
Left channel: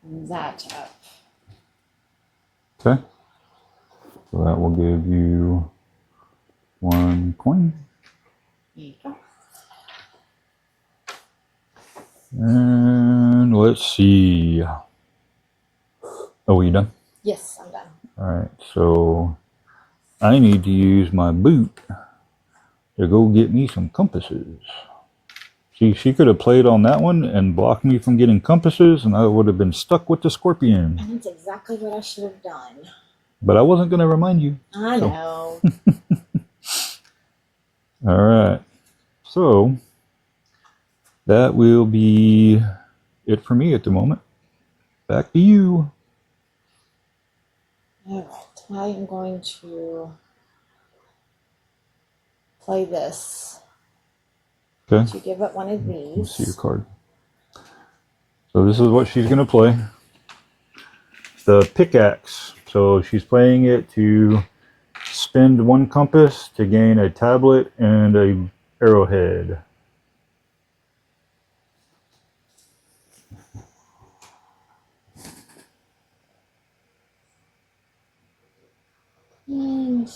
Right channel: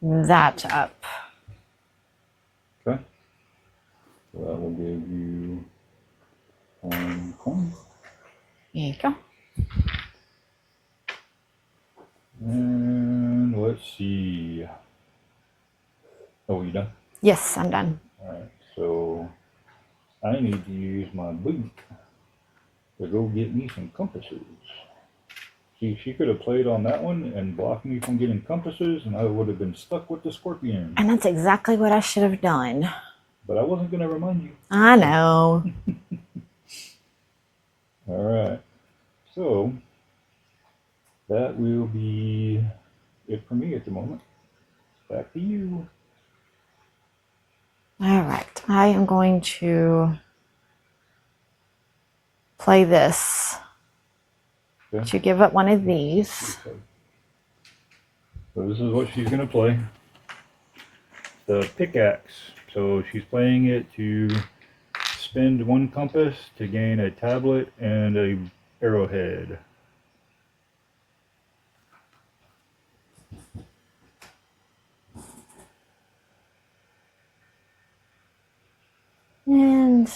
that up. Okay. So that will give you 1 coin. There you go. And let's see. Oh, are you done? Yes, I'm done. All right. So I need to use my boot to go get me some compasses. See, she could have played on that one and blocked me from getting compasses, and I would have been stuck with the scorpion. And that's exactly what I should have done. But I wasn't going to remind you. I know. All right. So that will be it for me at the moment. Back to you. All right. I am going to play this. Okay. To give up one of Let's see the these. card. So this is what she's going to play. The pickaxe. So she's playing it to spend 1 compass to gain a tablet and a arrowhead. And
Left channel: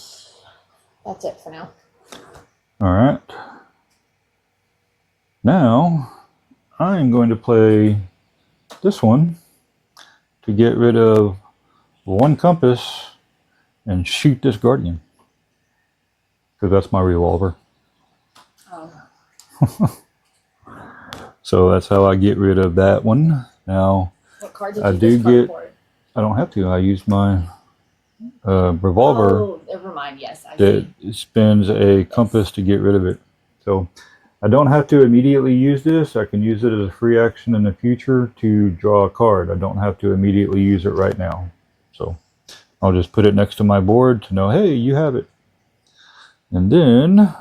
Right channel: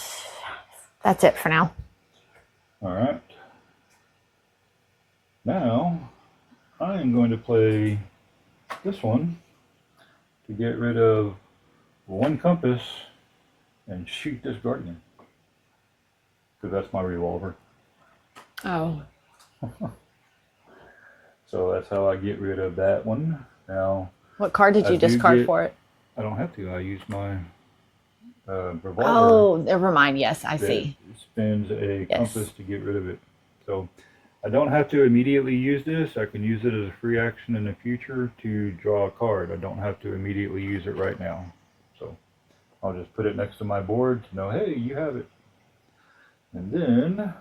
that's it for now. All right. Now I am going to play this one to get rid of 1 compass and shoot this guardian, because that's my revolver. Oh. So that's how I get rid of that one. Now, What card did I you do discard get- for it? I don't have to. I use my revolver Oh, never mind. Yes, I that see. spends a compass to get rid of it. So I don't have to immediately use this. I can use it as a free action in the future to draw a card. I don't have to immediately use it right now. So I'll just put it next to my board to know, hey, you have it. And then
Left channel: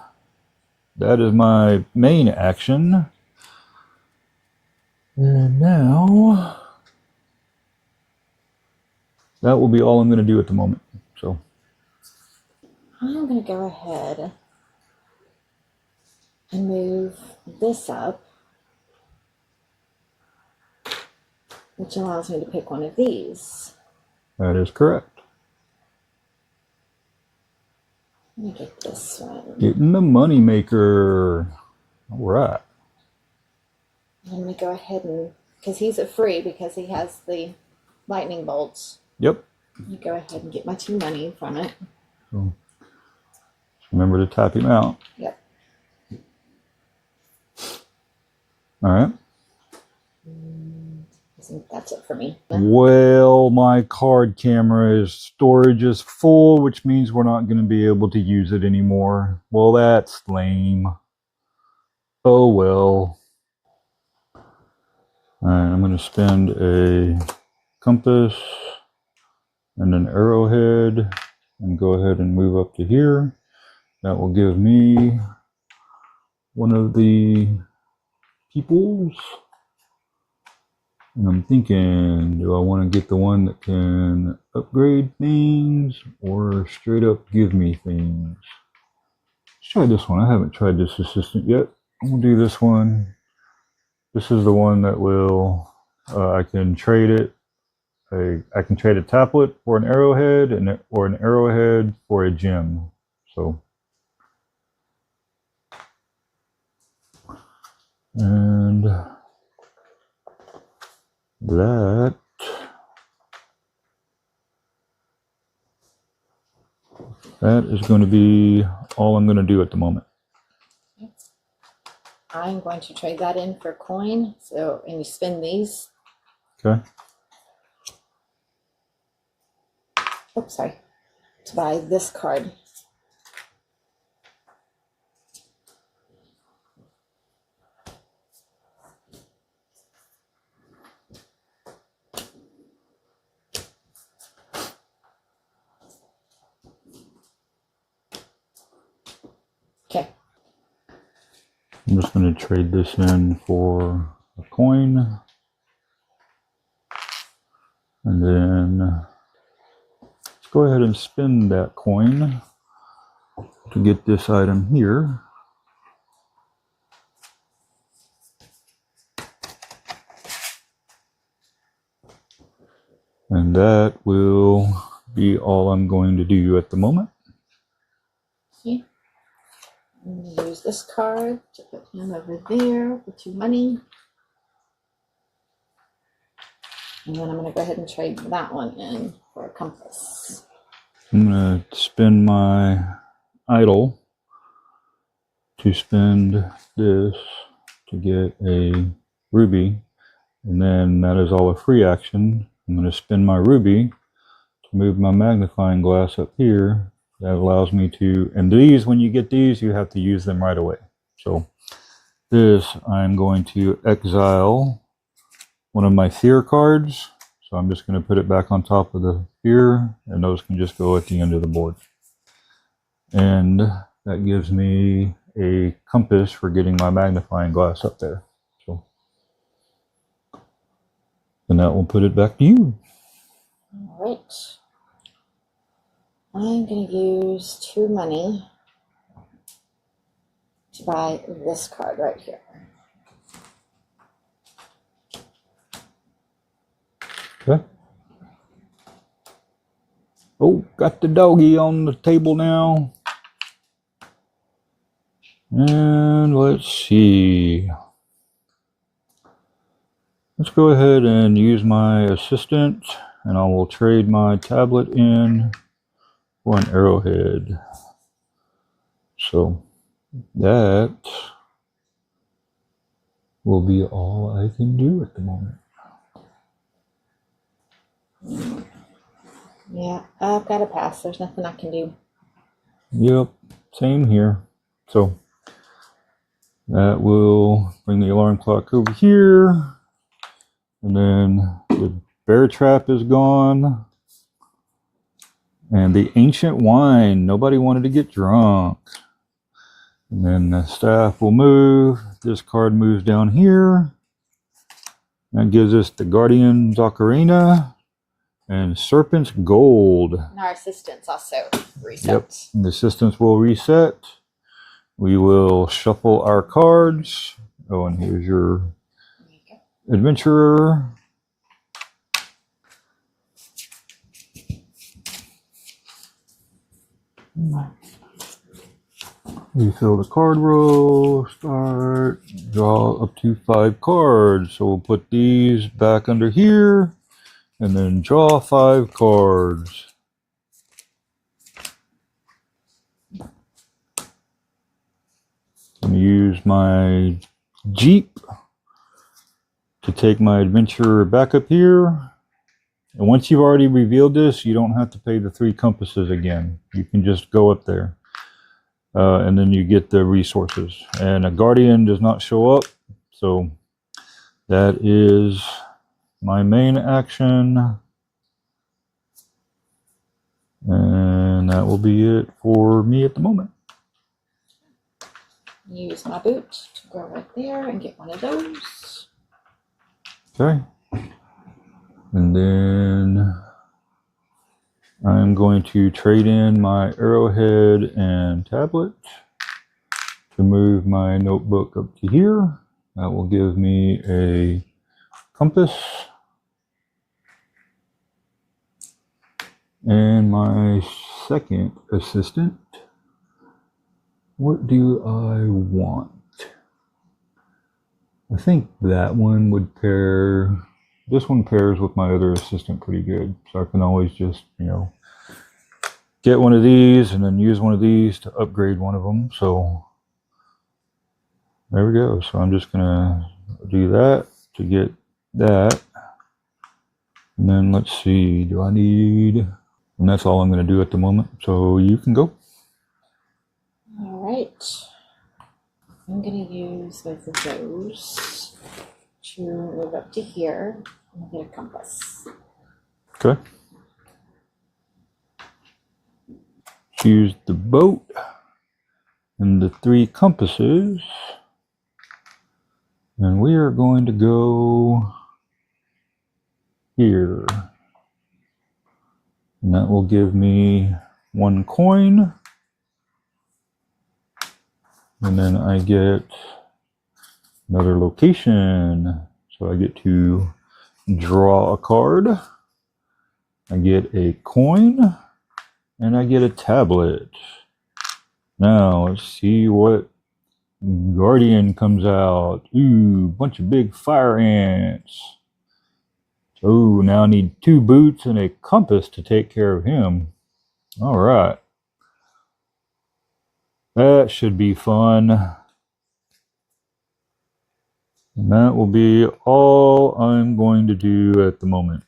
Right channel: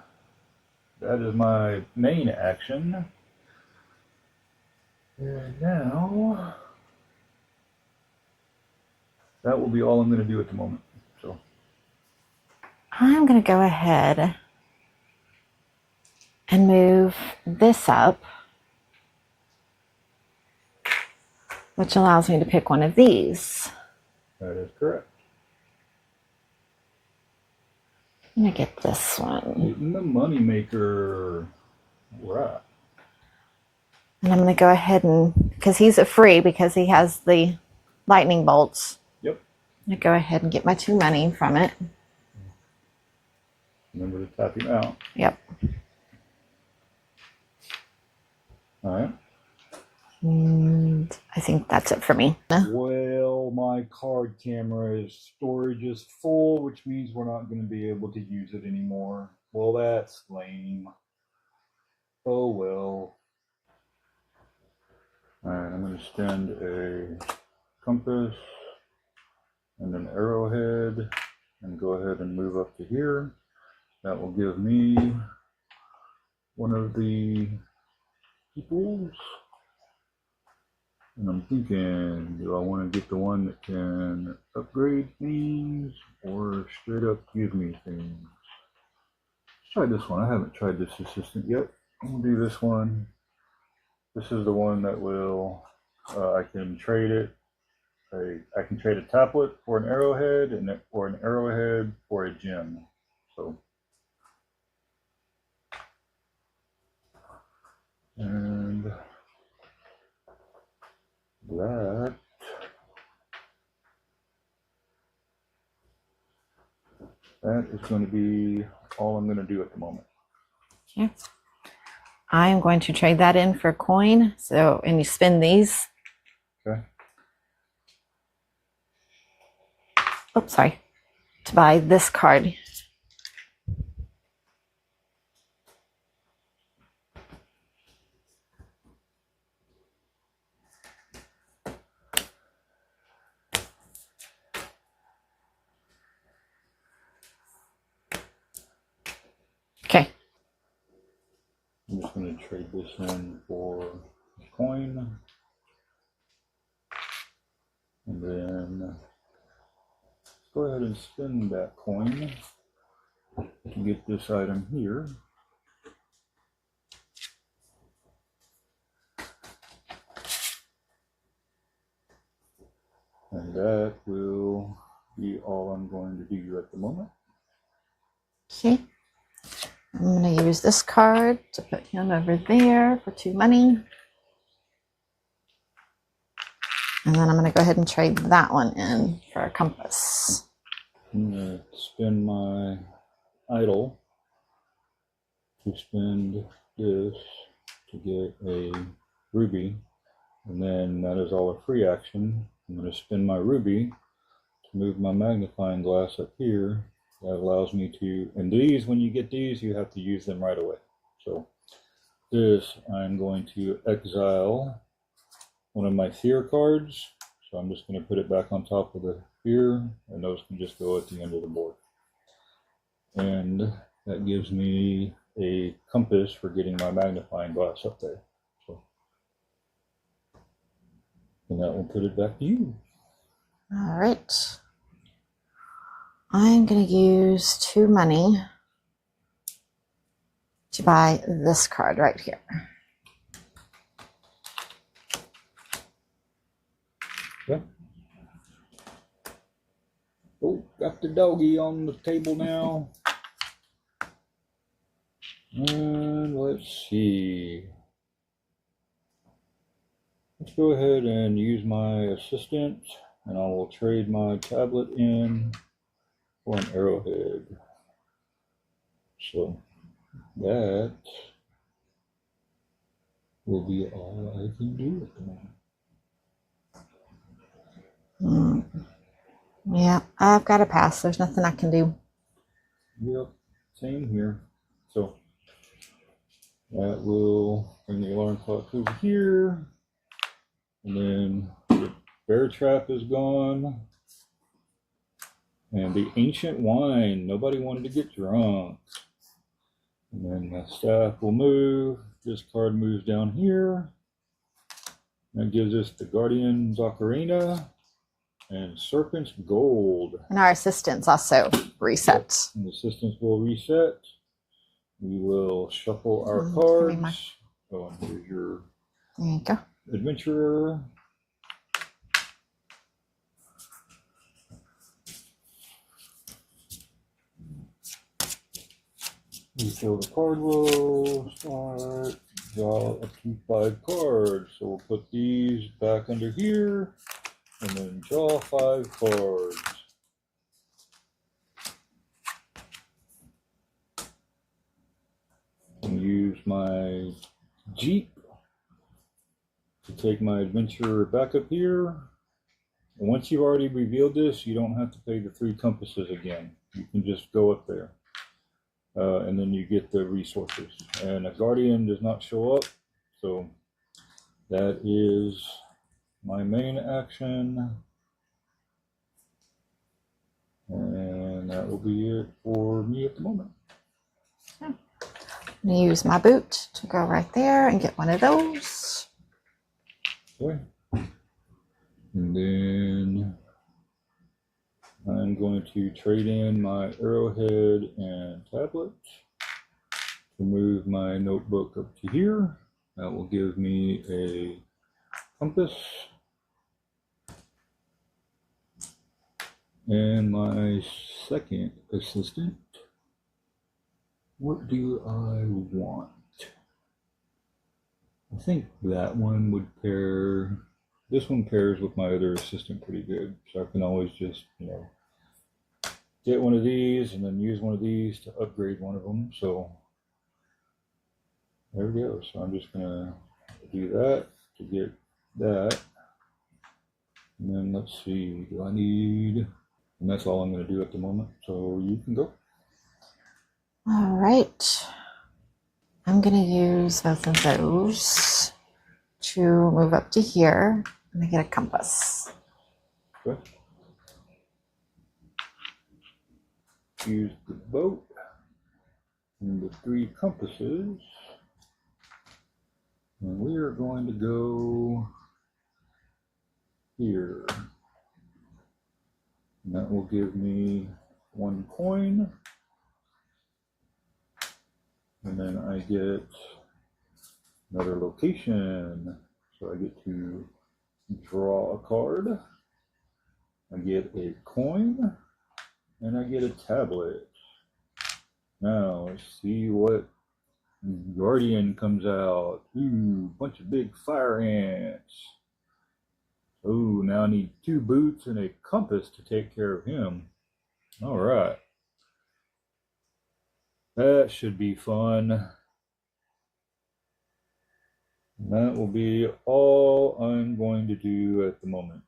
that is my main action. And now that will be all I'm going to do at the moment. So I'm going to go ahead and move this up, which allows me to pick one of these. that is correct. I'm going to get this one. Getting the money maker. All right. And I'm going to go ahead and, because he's a free, because he has the lightning bolts, Yep. I'm going to go ahead and get my 2 money from it. So remember to tap him out. Yep. All right. And I think that's it for me. Well, my card camera's storage is full, which means we're not going to be able to use it anymore. Well, that's lame. Oh well. All right, I'm going to spend a compass and an arrowhead and go ahead and move up to here. That will give me one of the peoples. And I'm thinking, do I want to get the one that can upgrade things or straight up give me things? Let's try this one. I haven't tried this assistant yet. I'm going to do this one. This is the one that will, I can trade it. I can trade a tablet for an arrowhead or an arrowhead for a gem. So, and that is going to be all I'm going to do at the moment. Okay. I am going to trade that in for a coin. So, and you spin these. Okay. Oops, sorry. To buy this card. Okay. I'm just going to trade this in for a coin. And then let's go ahead and spin that coin to get this item here. And that will be all I'm going to do at the moment. Okay. I'm going to use this card to put him over there for 2 money. And then I'm going to go ahead and trade that one in for a compass. I'm going to spend my idol to spend this to get a ruby. And then that is all a free action. I'm going to spin my ruby to move my magnifying glass up here. That allows me to, and these, when you get these, you have to use them right away. So this, I'm going to exile one of my fear cards. So I'm just going to put it back on top of the fear, and those can just go at the end of the board. And that gives me a compass for getting my magnifying glass up there. So, and that will put it back to you. All right. I'm going to use 2 money to buy this card right here. Okay. Oh, got the doggy on the table now. And let's see. Let's go ahead and use my assistant, and I will trade my tablet in for an arrowhead. So that will be all I can do at the moment. Yeah, I've got to pass. There's nothing I can do. Yep, same here. So that will bring the alarm clock over here. And then the bear trap is gone. And the ancient wine. Nobody wanted to get drunk. And then the staff will move. This card moves down here. That gives us the Guardian's Ocarina and Serpent's Gold. And our assistants also reset. Yep. And the assistants will reset. We will shuffle our cards. Oh, and here's your There you go. adventurer. Refill the card row, start, draw up to 5 cards. So we'll put these back under here and then draw 5 cards. I'm going to use my Jeep to take my adventurer back up here. And once you've already revealed this, you don't have to pay the 3 compasses again. You can just go up there. And then you get the resources. And a guardian does not show up. So that is my main action. And that will be it for me at the moment. I'm going to use my boot to go right there and get one of those. Okay. And then I'm going to trade in my arrowhead and tablet to move my notebook up to here. That will give me a compass and my second assistant. What do I want? I think that one would pair. This one pairs with my other assistant pretty good, so I can always just, get one of these and then use one of these to upgrade one of them. So there we go. So I'm just gonna do that to get that. And then let's see, do I need, and that's all I'm gonna do at the moment. So you can go. All right. I'm going to use both of those to move up to here and I get a compass. Okay. Choose the boat and the 3 compasses. And we are going to go here. And that will give me 1 coin. And then I get another location. So I get to draw a card. I get a coin. And I get a tablet. Now let's see what Guardian comes out. Ooh, bunch of big fire ants. So now I need 2 boots and a compass to take care of him. All right. That should be fun. And that will be all I'm going to do at the moment.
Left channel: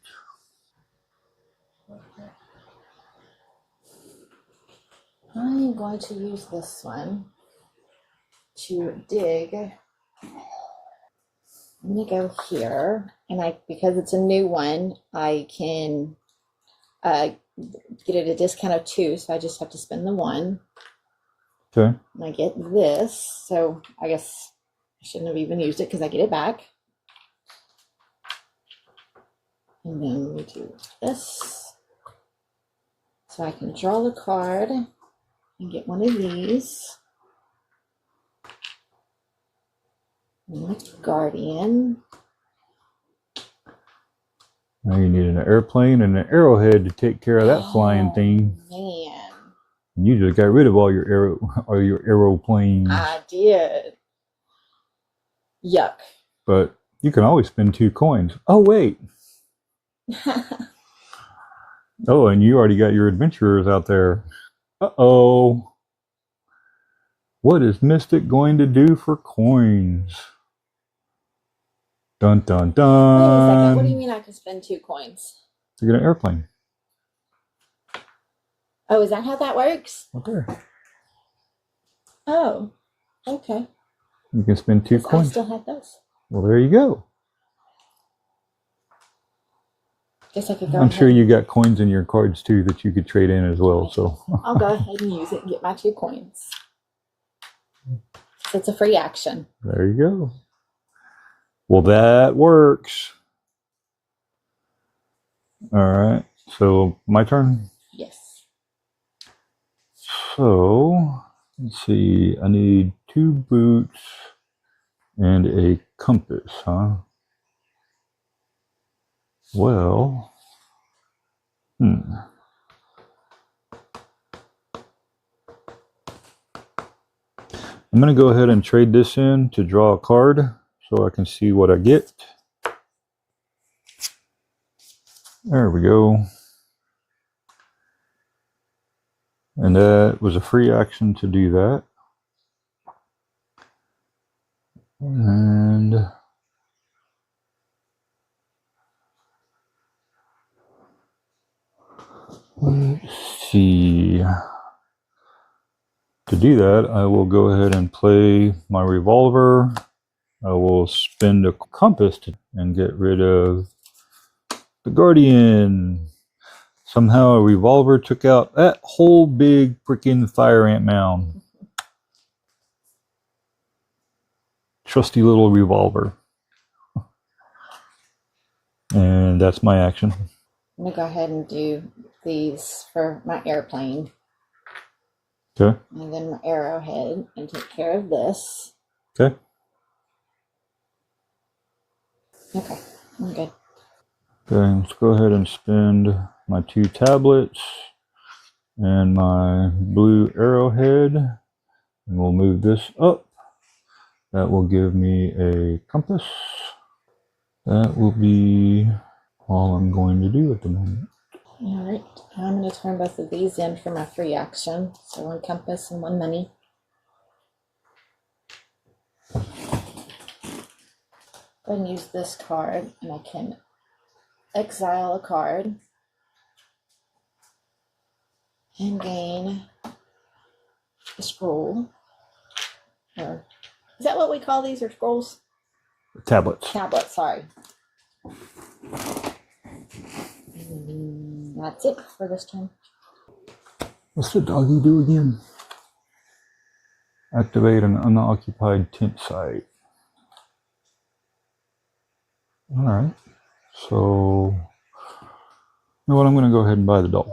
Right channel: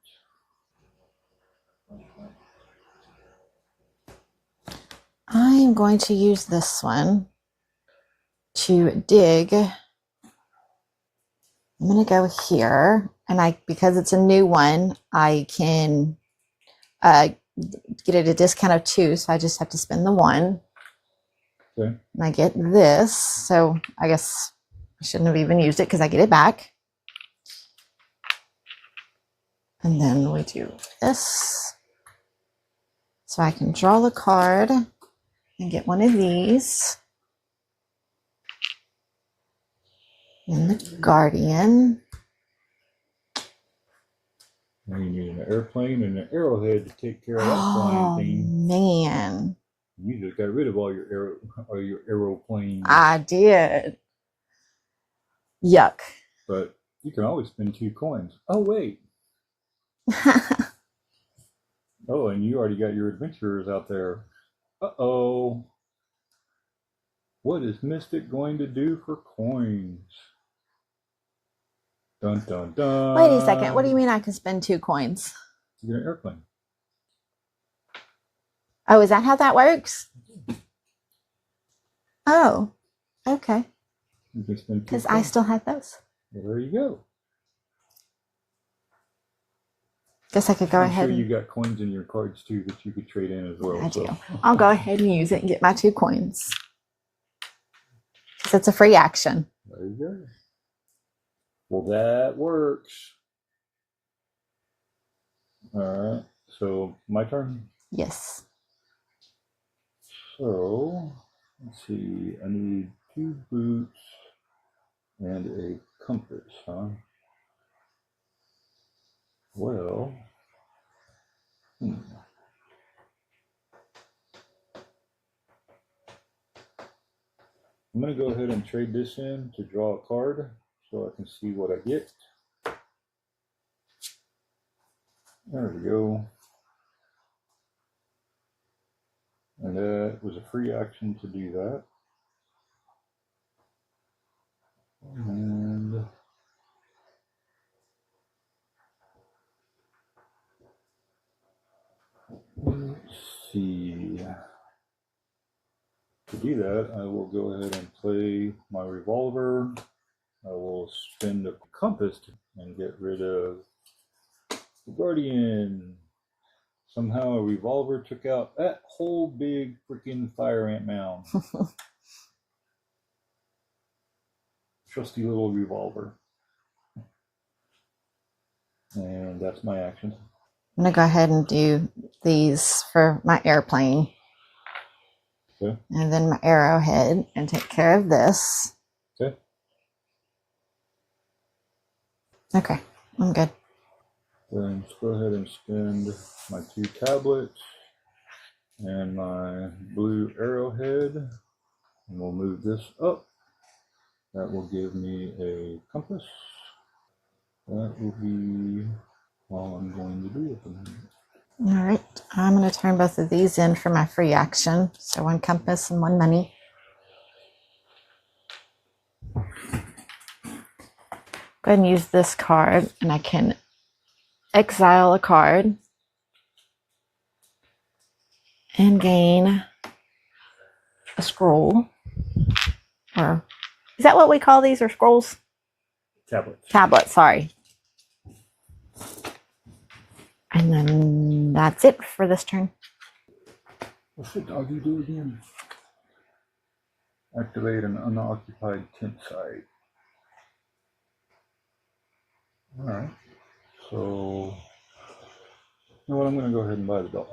I'm going to use this one to dig. I'm going to go here, and because it's a new one, I can get it a discount of 2, so I just have to spend the 1. Okay. And I get this, so I guess I shouldn't have even used it because I get it back. And then we do this. So I can draw the card and get one of these. And the Guardian. Now you need an airplane and an arrowhead to take care of that flying thing. Man. You just got rid of all your aeroplanes. I did. Yuck. But you can always spend 2 coins. Oh, wait. Oh, and you already got your adventurers out there. Uh-oh. What is Mystic going to do for coins? Dun, dun, dun. Wait a second. What do you mean I can spend 2 coins? To get an airplane. Oh, is that how that works? Okay. Oh, okay. You can spend 2 coins. I still have those. Well, there you go. Guess I could go I'm ahead. sure you got coins in your cards too that you could trade in as well. So I'll go ahead and use it and get my 2 coins. Because it's a free action. There you go. Well, that works. All right. So my turn? Yes. So let's see. I need 2 boots and a compass, huh? Well, I'm going to go ahead and trade this in to draw a card so I can see what I get. There we go. And that was a free action to do that. And let's see. To do that, I will go ahead and play my revolver. I will spend a compass and get rid of the Guardian. Somehow a revolver took out that whole big freaking fire ant mound. Trusty little revolver. And that's my action. I'm going to go ahead and do these for my airplane. Okay. And then my arrowhead and take care of this. Okay. Okay, I'm good. Okay, let's go ahead and spend my 2 tablets and my blue arrowhead. And we'll move this up. That will give me a compass. That will be all I'm going to do at the moment. All right, I'm going to turn both of these in for my free action. So 1 compass and 1 money. Go ahead and use this card, and I can exile a card and gain a scroll. Or is that what we call these, or scrolls? Tablets. Tablets, sorry. And then that's it for this turn. What's the doggy do again? Activate an unoccupied tent site. All right. So, you know what? I'm going to go ahead and buy the dog.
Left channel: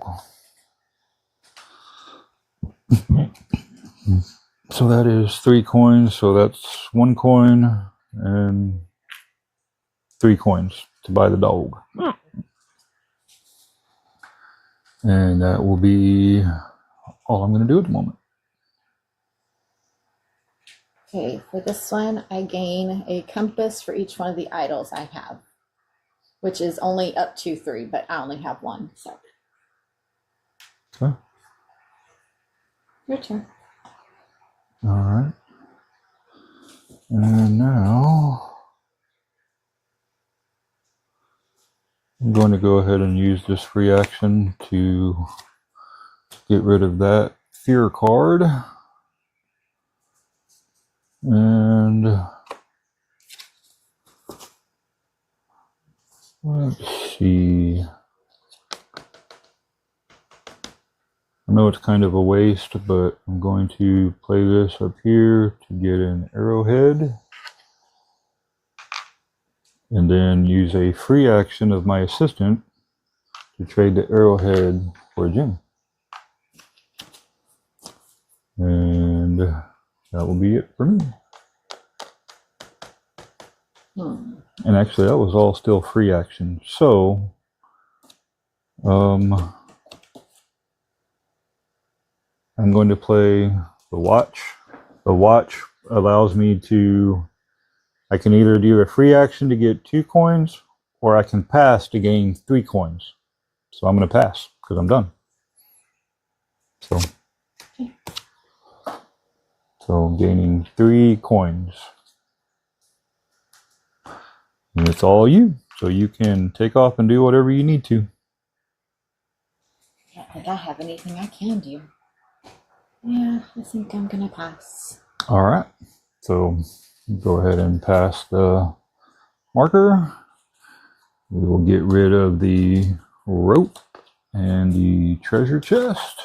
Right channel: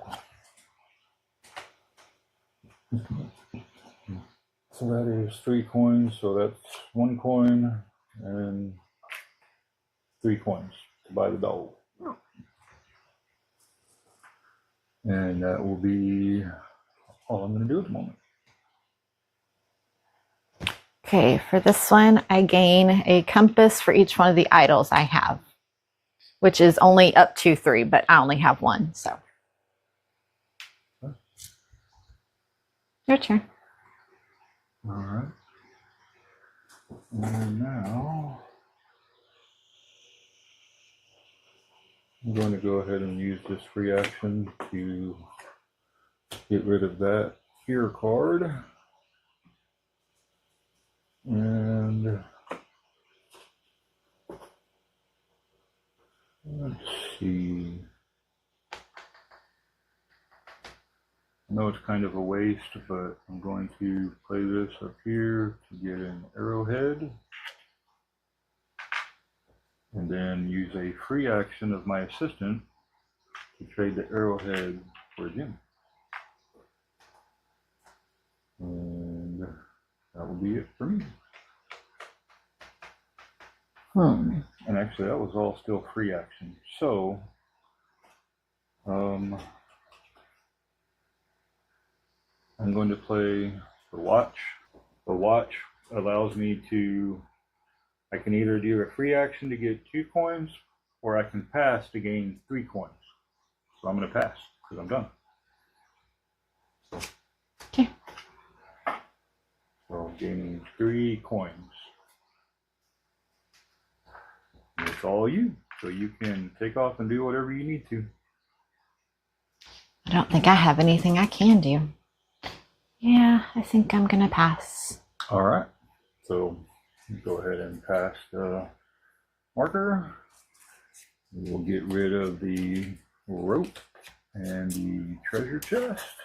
So that is 3 coins. So that's 1 coin and 3 coins to buy the dog. And that will be all I'm going to do at the moment. Okay, for this one, I gain a compass for each one of the idols I have, which is only up to 3, but I only have 1, so. Okay. Your turn. All right. And now I'm going to go ahead and use this free action to get rid of that fear card. And let's see. I know it's kind of a waste, but I'm going to play this up here to get an arrowhead. And then use a free action of my assistant to trade the arrowhead for a gem. And that will be it for me. And actually, that was all still free action. So, I'm going to play the watch. The watch allows me to, I can either do a free action to get 2 coins, or I can pass to gain 3 coins. So I'm going to pass because I'm done. So, okay. So I'm gaining 3 coins. And it's all you. So you can take off and do whatever you need to. I don't think I have anything I can do. Yeah, I think I'm gonna pass. All right. So go ahead and pass the marker. We will get rid of the rope and the treasure chest.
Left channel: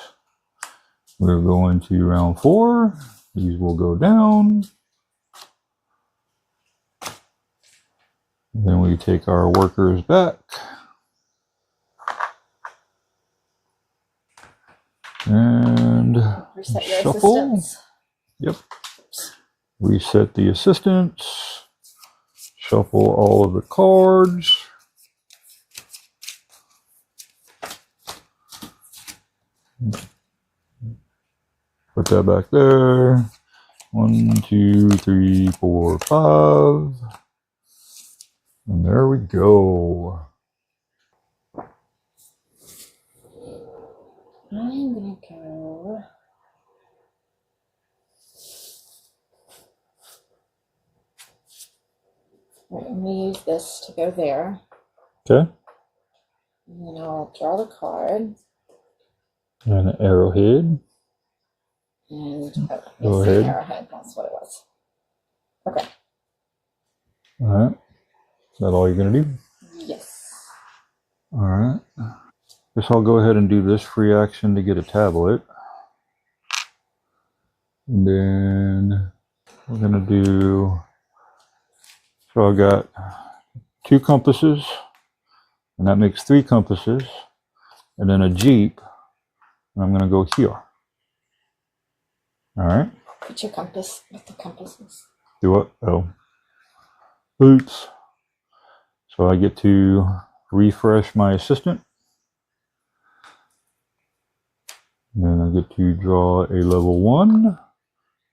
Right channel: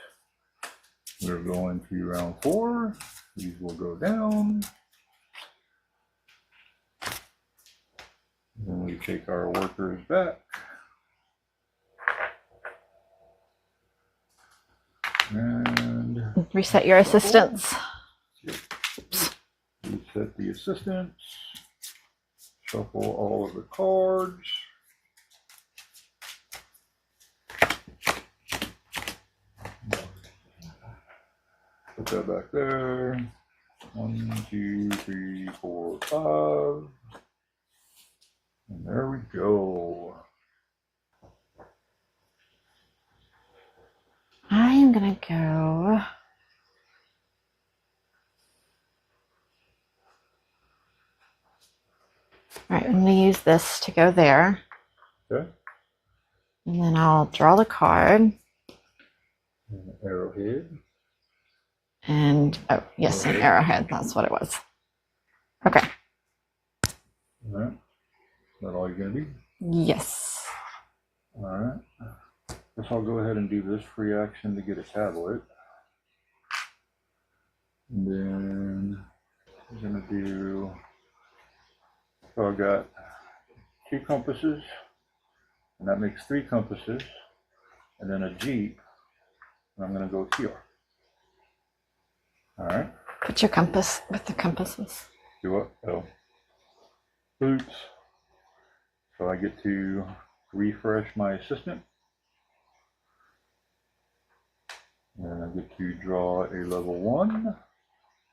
We're going to round 4. These will go down. Then we take our workers back. And reset your assistants. Yep. Reset the assistants. Shuffle all of the cards. Put that back there. 1, 2, 3, 4, 5. And there we go. I am gonna go. All right, I'm gonna use this to go there. Okay. And then I'll draw the card. And an arrowhead. And, oh, yes, Arrowhead. an arrowhead. That's what it was. Okay. All right. Is that all you're going to do? Yes. All right. Guess I'll go ahead and do this free action to get a tablet. And then we're going to do, so I've got 2 compasses, and that makes 3 compasses, and then a jeep, and I'm going to go here. All right. Put your compass with the compasses. Do what? Oh. Oops. So I get to refresh my assistant. And I get to draw a level 1.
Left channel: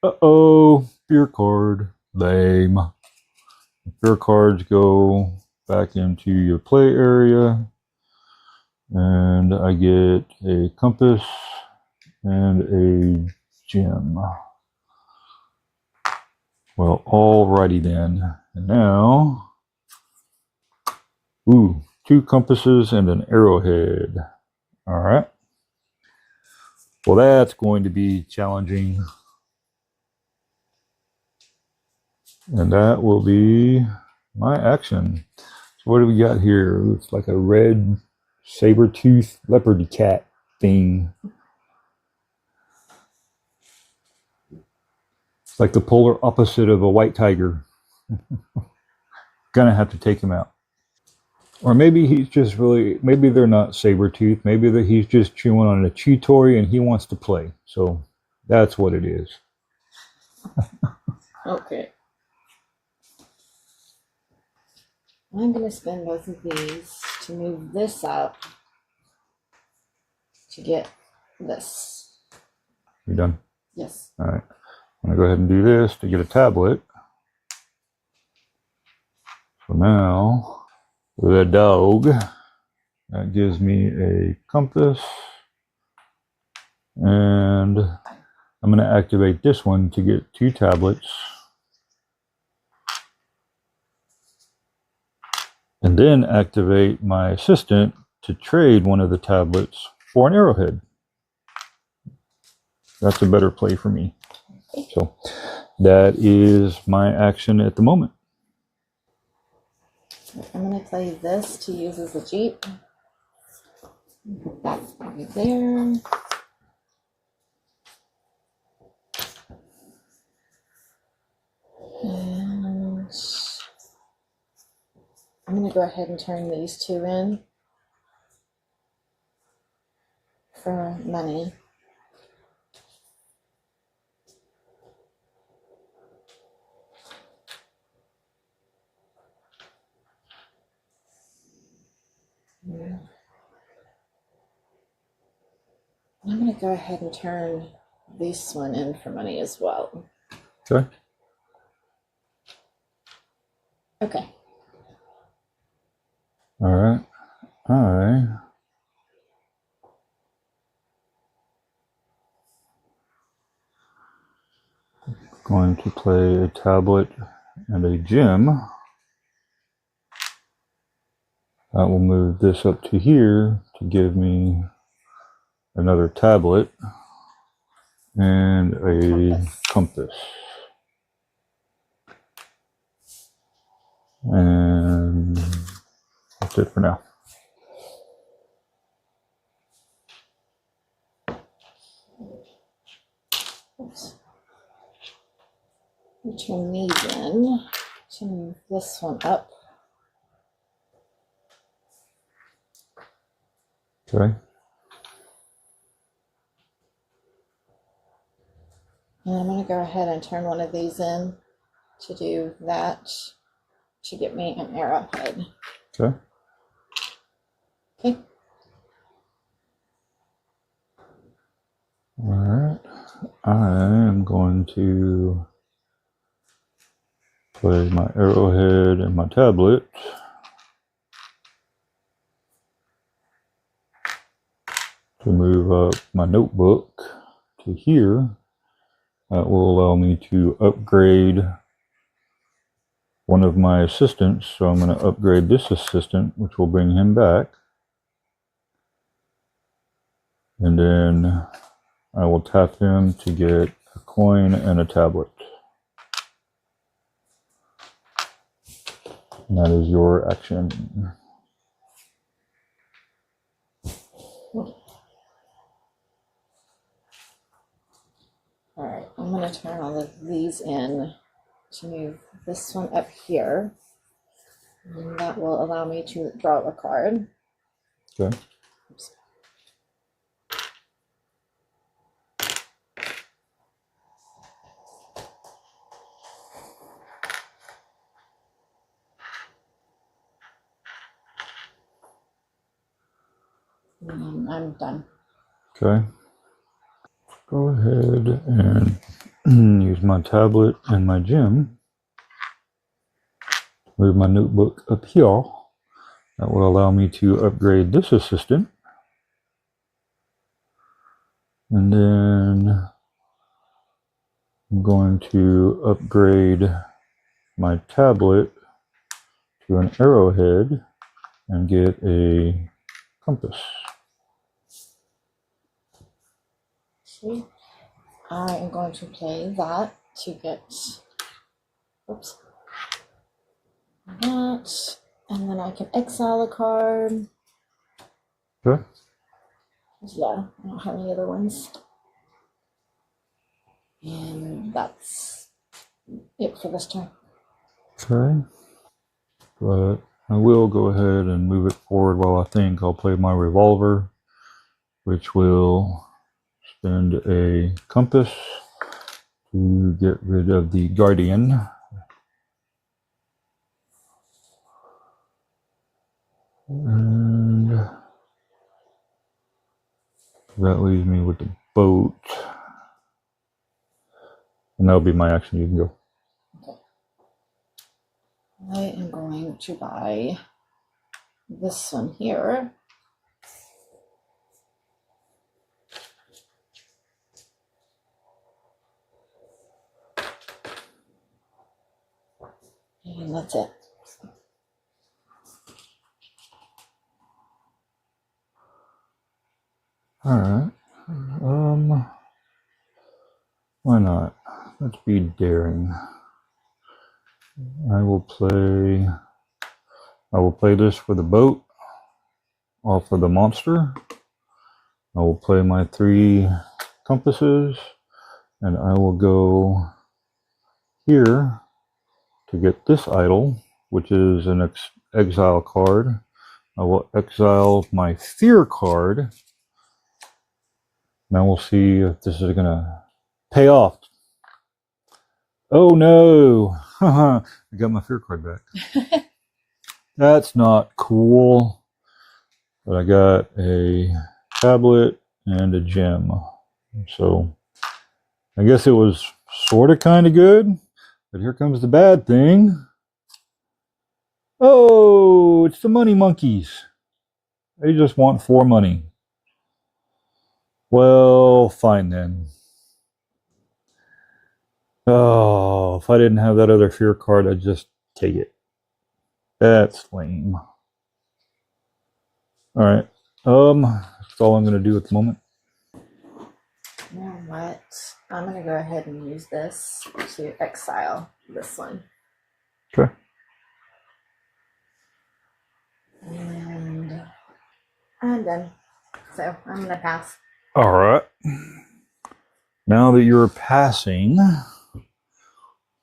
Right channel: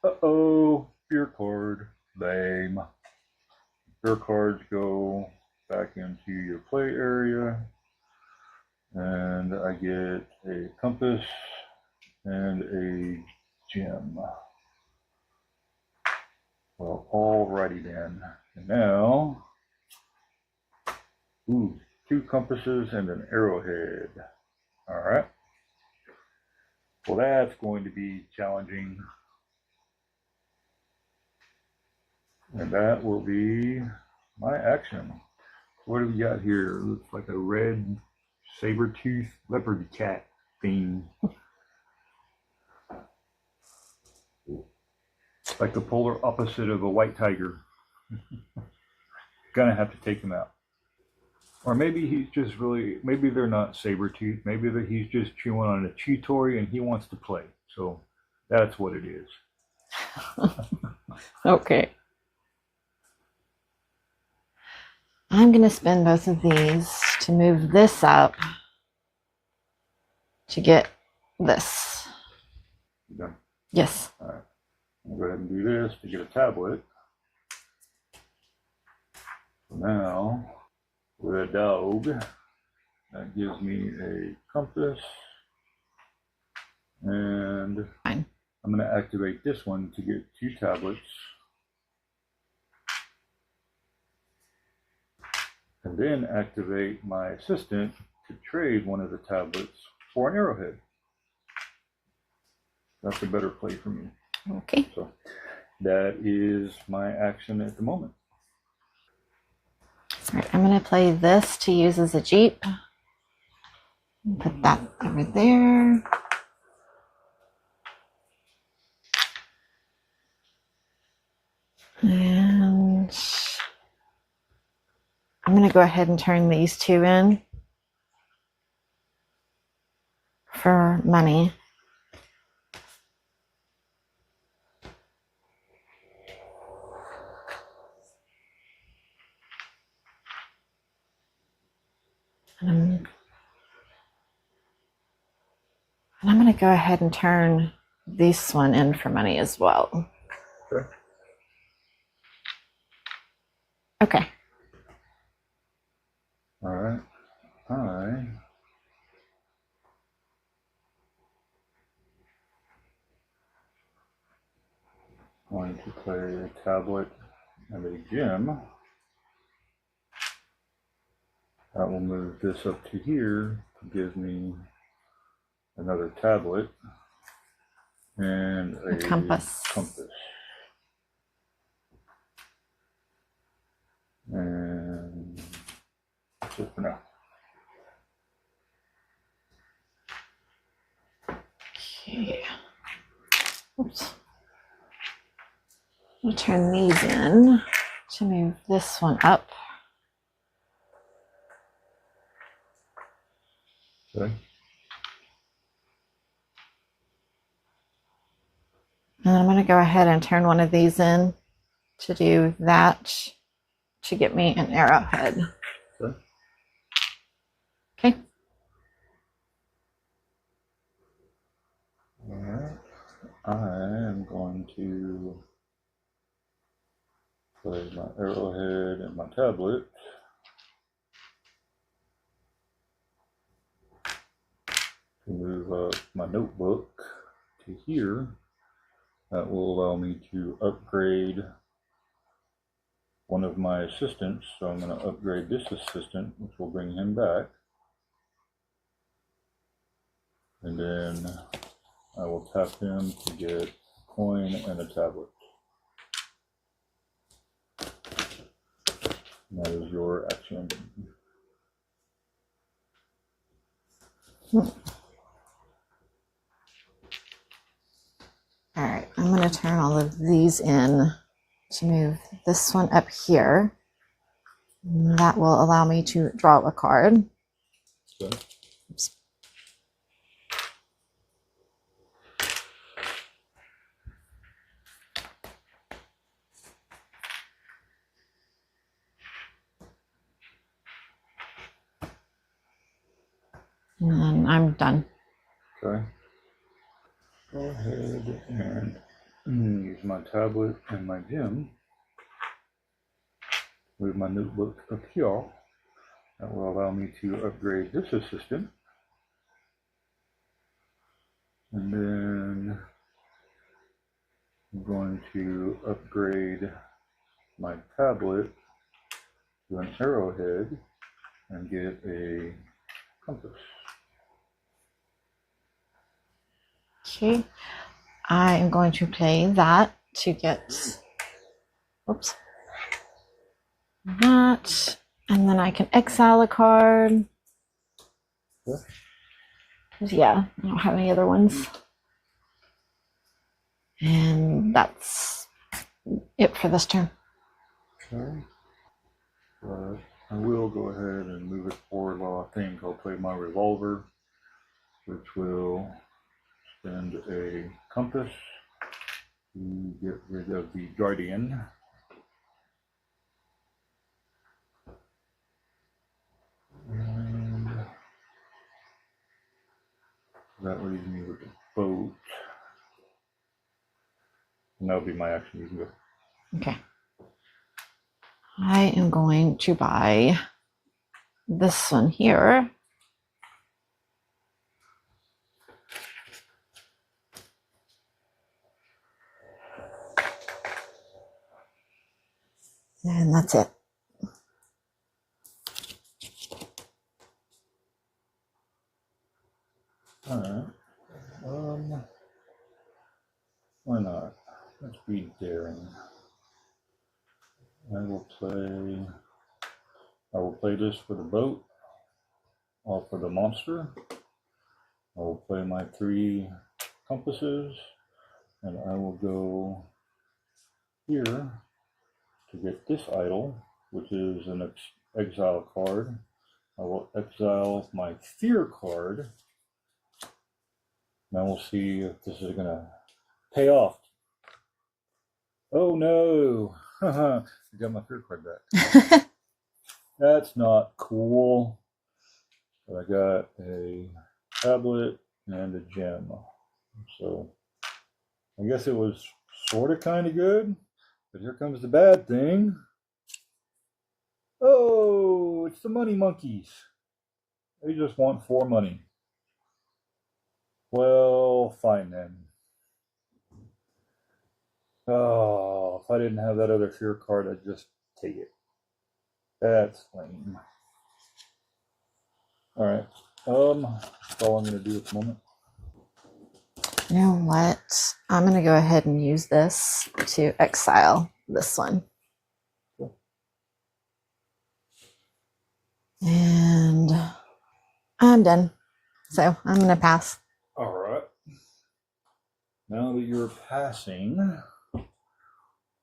Uh-oh. Fear card. Lame. Fear cards go back into your play area. And I get a compass and a gem. Well, alrighty then. And now, ooh, 2 compasses and an arrowhead. All right. Well, that's going to be challenging. And that will be my action. So what do we got here? Looks like a red saber-toothed leopard cat thing. It's like the polar opposite of a white tiger. Gonna have to take him out. Or maybe he's just really, maybe they're not saber-toothed. Maybe that he's just chewing on a chew toy and he wants to play. So that's what it is. Okay. I'm going to spend both of these to move this up to get this. You done? Yes. All right. I'm going to go ahead and do this to get a tablet. So now, the dog, that gives me a compass. And Fine. I'm going to activate this one to get 2 tablets. And and then activate my assistant to trade one of the tablets for an arrowhead. That's a better play for me. Okay. So that is my action at the moment. All right, I'm going to play this to use as a jeep. Put that over there. And I'm going to go ahead and turn these two in for money. And I'm going to go ahead and turn this one in for money as well. Okay. Okay. All right. Going to play a tablet and a gem. That will move this up to here to give me another tablet and a compass. And that's it for now. Okay. Oops. I'll turn these in to move this one up. Okay. And I'm going to go ahead and turn one of these in to do that to get me an arrowhead. Okay. Okay. All right. I am going to play my arrowhead and my tablet. To move up my notebook to here. That will allow me to upgrade one of my assistants. So I'm going to upgrade this assistant, which will bring him back. And then I will tap him to get a coin and a tablet. And that is your action. All right, I'm going to turn all of these in to move this one up here. And that will allow me to draw a card. Okay. Oops. And then I'm done. Okay. Go ahead and use my tablet and my gem. Move my notebook up here. That will allow me to upgrade this assistant. And then I'm going to upgrade my tablet to an arrowhead and get a compass. Okay, I am going to play that to get, oops, that, and then I can exile a card. Okay. Yeah, I don't have any other ones. And that's it for this turn. Okay. But I will go ahead and move it forward while I think. I'll play my Revolver, which will spend a compass to get rid of the Guardian. And that leaves me with the boat. And that'll be my action. You can go. Okay. I am going to buy this one here. And that's it. Alright. Why not? Let's be daring. I will play this for the boat, off of the monster. I will play my 3 compasses, and I will go here to get this idol, which is an exile card. I will exile my fear card. Now we'll see if this is gonna pay off. Oh no! I got my fear card back. That's not cool. But I got a tablet and a gem. So I guess it was sort of kind of good. But here comes the bad thing. Oh, it's the money monkeys. They just want 4 money. Well, fine then. Oh, if I didn't have that other fear card, I'd just take it. That's lame. Alright. That's all I'm going to do at the moment. You know what? I'm going to go ahead and use this to exile this one. Okay. And I'm done. So I'm going to pass. Alright. Now that you're passing,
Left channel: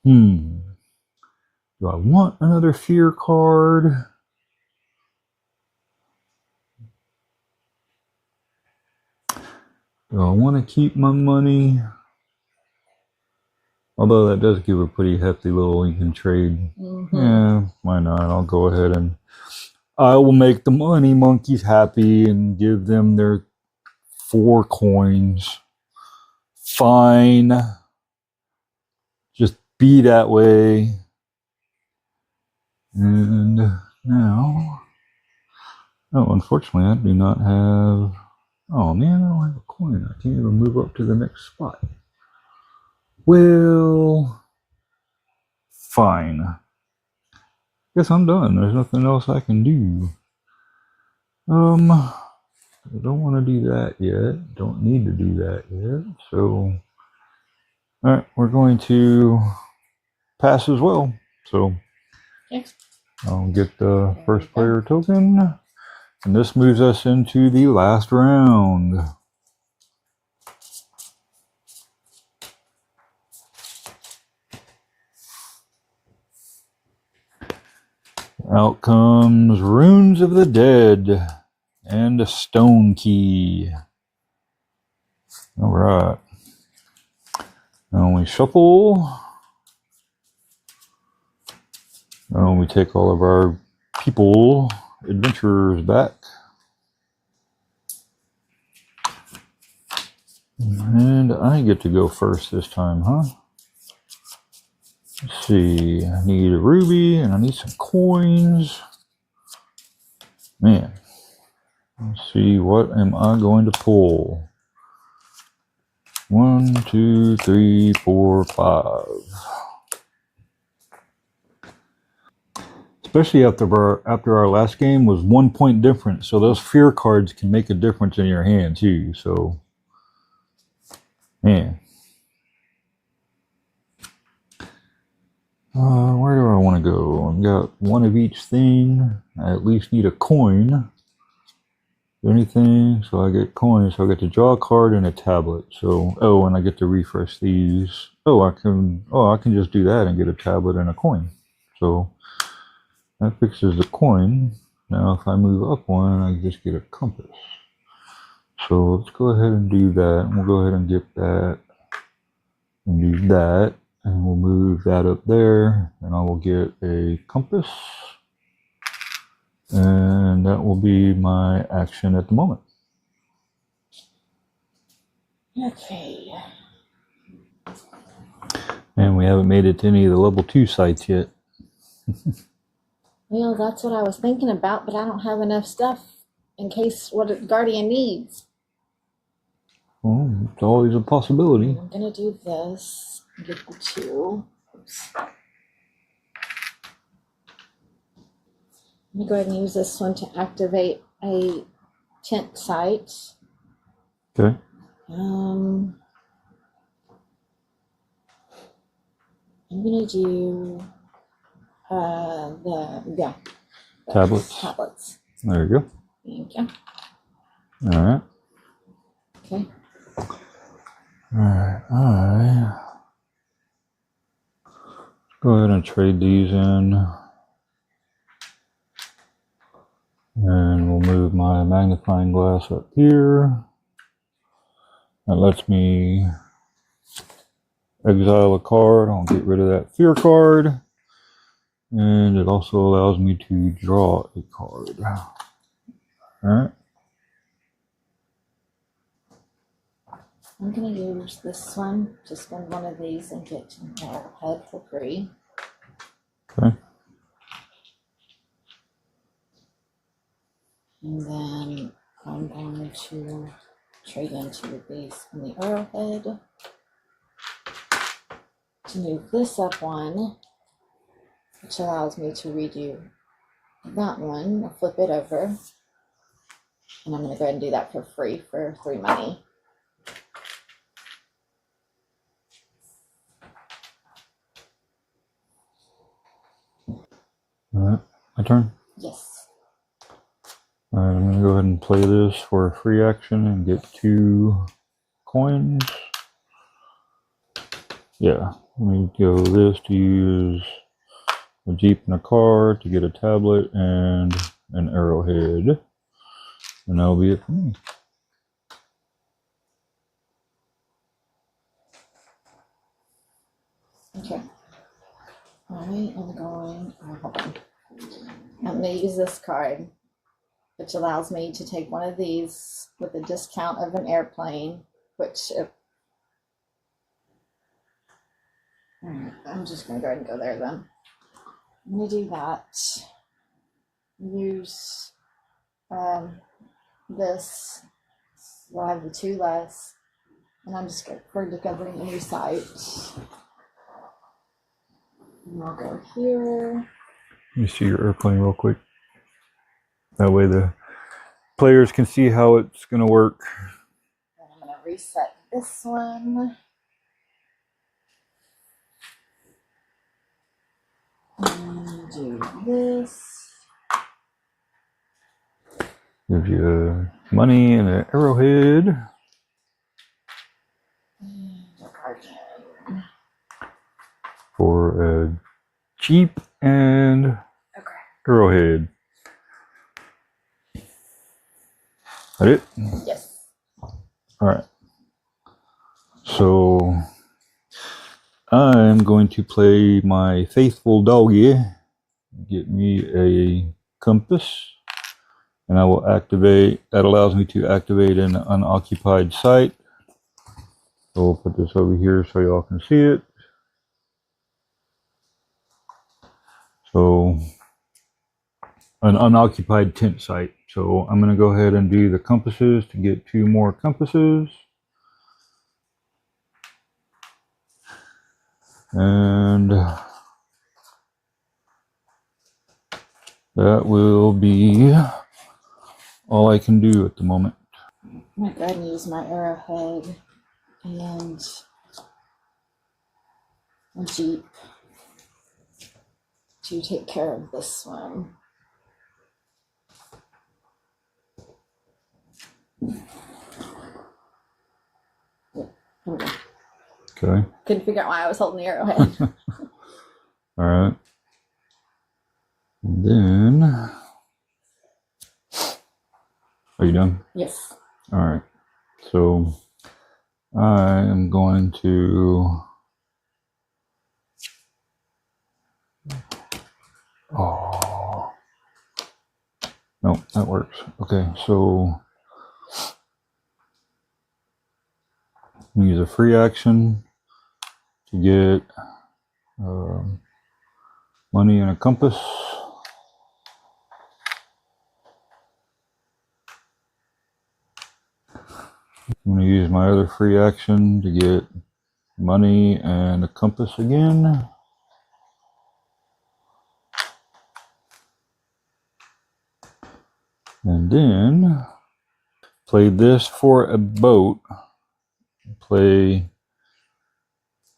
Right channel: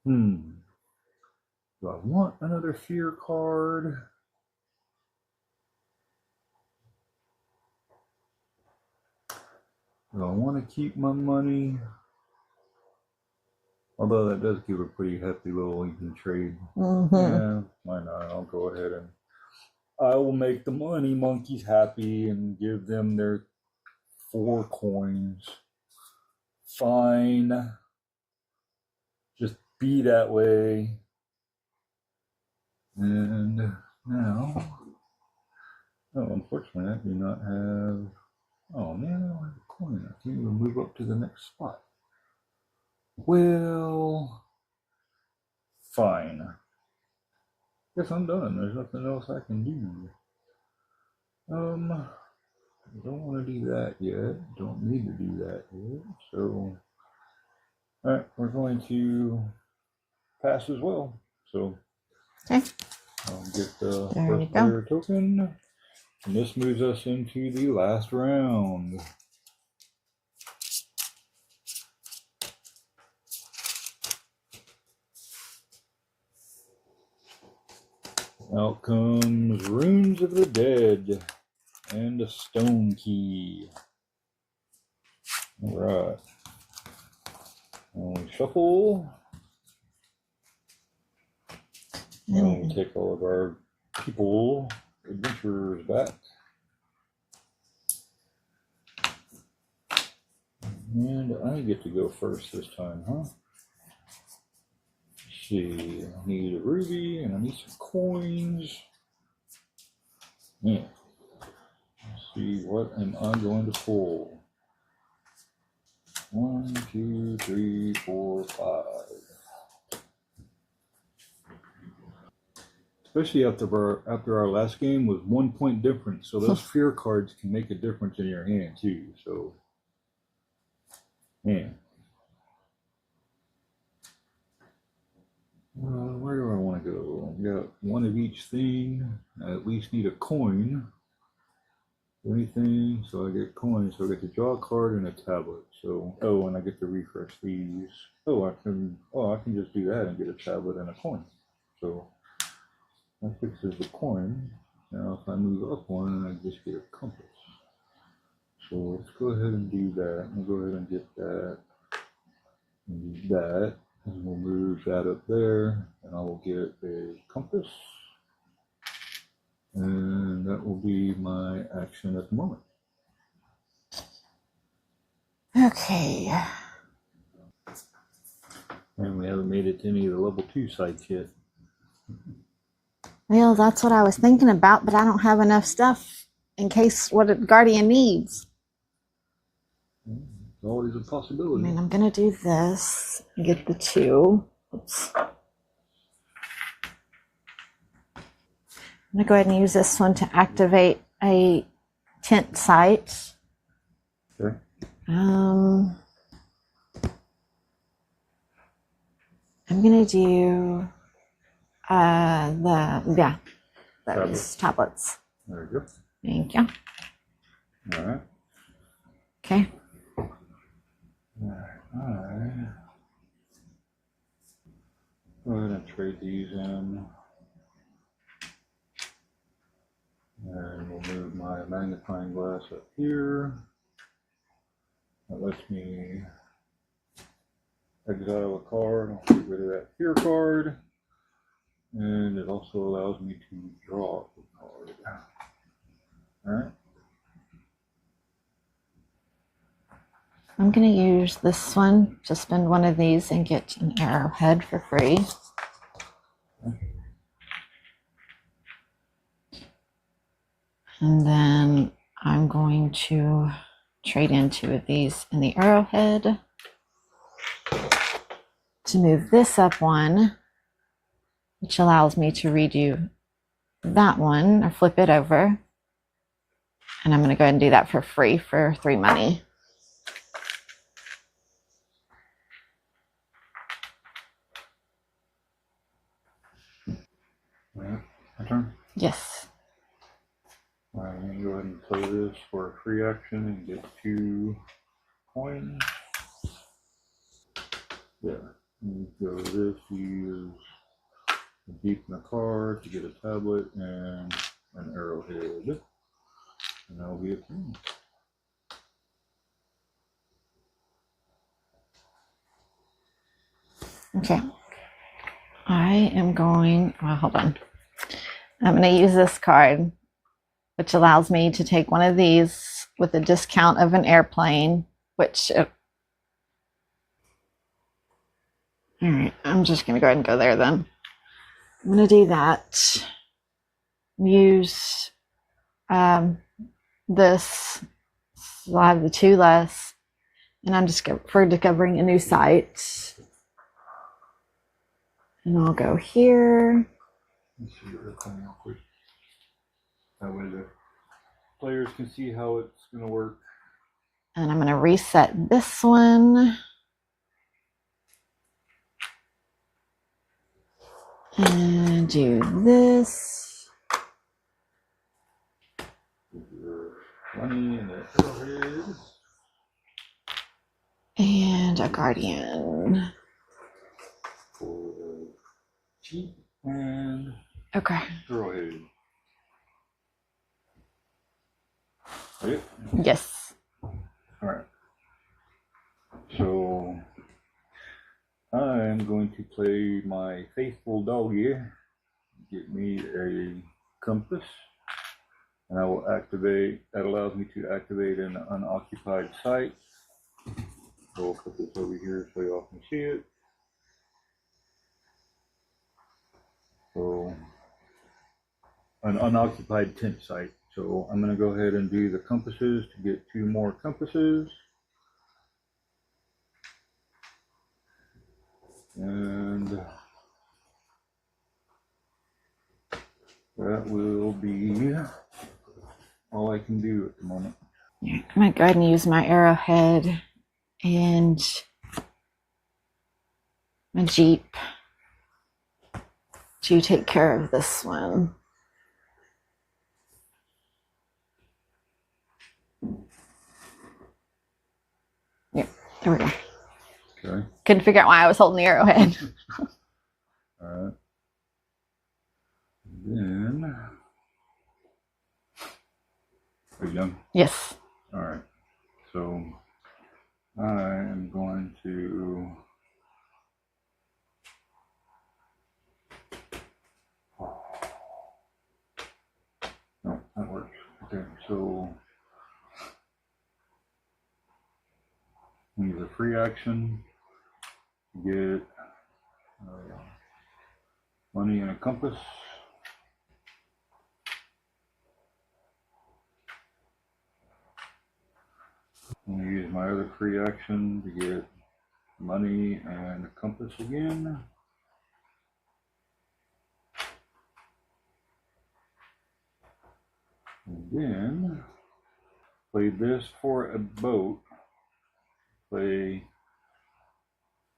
do I want another fear card? Do I want to keep my money? Although that does give a pretty hefty little, you can trade. Yeah, why not? I'll go ahead and I will make the money monkeys happy and give them their 4 coins. Fine. Just be that way. And now, oh, unfortunately, I do not have. Oh man, I don't have a coin. I can't even move up to the next spot. Well, fine. Guess I'm done. There's nothing else I can do. I don't want to do that yet. Don't need to do that yet. So, all right, we're going to pass as well. So, okay. I'll get the first player token. And this moves us into the last round. Out comes Runes of the Dead and a stone key. All right. Now we shuffle. Now we take all of our people, adventurers back. And I get to go first this time, huh? Let's see, I need a ruby and I need some coins. Man, let's see, what am I going to pull? 1, 2, 3, 4, 5. Especially after our last game was 1 point difference, so those fear cards can make a difference in your hand too. So, man. Where do I want to go? I've got 1 of each thing. I at least need a coin. Anything, so I get coins. So I get to draw a card and a tablet. So, oh, and I get to refresh these. Oh, I can just do that and get a tablet and a coin. So that fixes the coin. Now, if I move up 1, I just get a compass. So let's go ahead and do that. We'll go ahead and get that and do that. And we'll move that up there, and I will get a compass. And that will be my action at the moment. Okay. And we haven't made it to any of the level 2 sites yet. Well, that's what I was thinking about, but I don't have enough stuff in case what a guardian needs. Well, it's always a possibility. And I'm going to do this and get the 2. Oops. I'm going to go ahead and use this one to activate a tent site. Okay. I'm gonna do the tablets. There you go. Thank you. All right. Okay. All right. Go ahead and trade these in. And we'll move my magnifying glass up here. That lets me exile a card. I'll get rid of that fear card. And it also allows me to draw a card. Alright. I'm going to use this one to spend one of these and get an arrowhead for free. Okay. And then I'm going to trade in 2 of these in the arrowhead to move this up 1, which allows me to redo that one or flip it over. And I'm going to go ahead and do that for free for 3 money. Alright, my turn. Yes. Alright, I'm going to go ahead and play this for a free action and get 2 coins. Yeah, let me go this to use a jeep and a car to get a tablet and an arrowhead. And that'll be it for me. Okay. I am going, hold on. I'm going to use this card, which allows me to take one of these with a discount of an airplane, which, all right, I'm just going to go ahead and go there then. I'm going to do that. Use this, so I have the 2 less, and I'm just for discovering a new site. And I'll go here. Let me see your airplane real quick. That way the players can see how it's going to work. And I'm going to reset this one. And do this. Gives you money and an arrowhead. And a guardian. For a jeep and arrowhead. That it? Yes. Alright. So I'm going to play my faithful doggy. Get me a compass. And I will activate, that allows me to activate an unoccupied site. So we'll put this over here so y'all can see it. So, an unoccupied tent site. So I'm going to go ahead and do the compasses to get 2 more compasses. And that will be all I can do at the moment. I'm going to go ahead and use my arrowhead and my jeep to take care of this one. Yeah, there we go. Okay. Couldn't figure out why I was holding the arrowhead. All right. And then, are you done? Yes. All right. So I am going to. Oh. No, that works. Okay, so use a free action to get money and a compass. I'm going to use my other free action to get money and a compass again. And then Play this for a boat. Play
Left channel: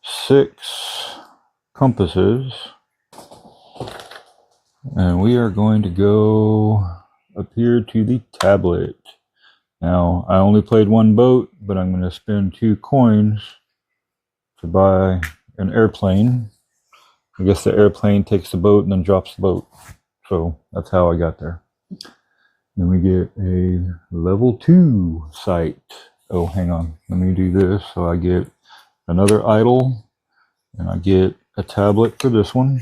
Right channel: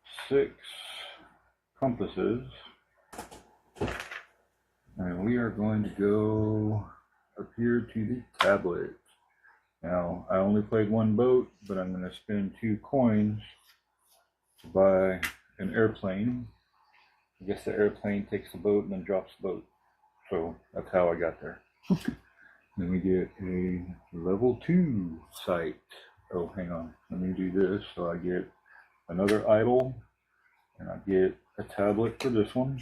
6 compasses. And we are going to go up here to the tablet. Now, I only played 1 boat, but I'm going to spend 2 coins to buy an airplane. I guess the airplane takes the boat and then drops the boat. So that's how I got there. Then we get a level 2 site. Oh, hang on. Let me do this. So I get another idol, and I get a tablet for this one.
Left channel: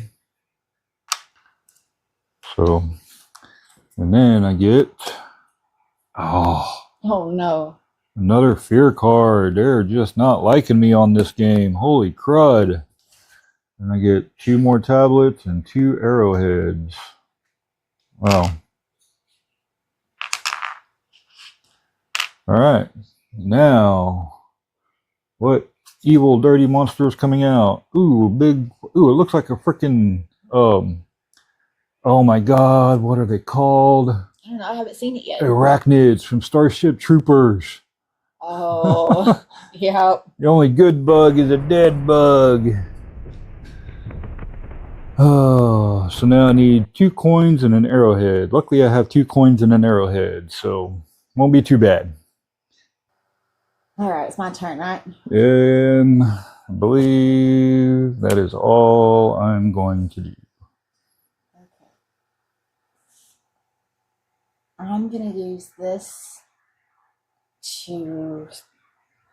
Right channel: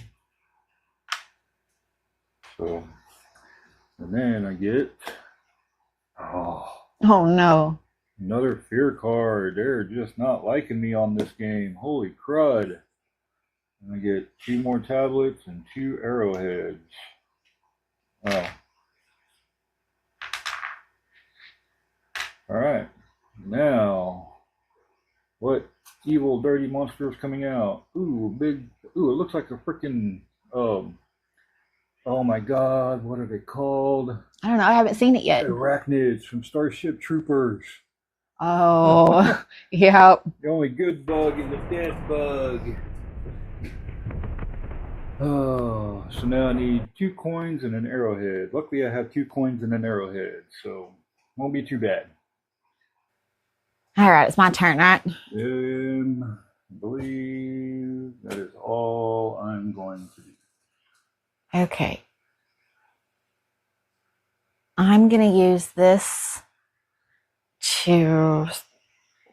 So, and then I get, oh no. Another fear card. They're just not liking me on this game. Holy crud. And I get 2 more tablets and 2 arrowheads. Wow. Alright. Now, what evil, dirty monster is coming out? Ooh, big. Ooh, it looks like a freaking, oh my god, what are they called? I don't know. I haven't seen it yet. Arachnids from Starship Troopers. Oh, yep. The only good bug is a dead bug. Oh, so now I need 2 coins and an arrowhead. Luckily, I have 2 coins and an arrowhead, so won't be too bad. All right, it's my turn, right? And I believe that is all I'm going to do. Okay. I'm going to use this to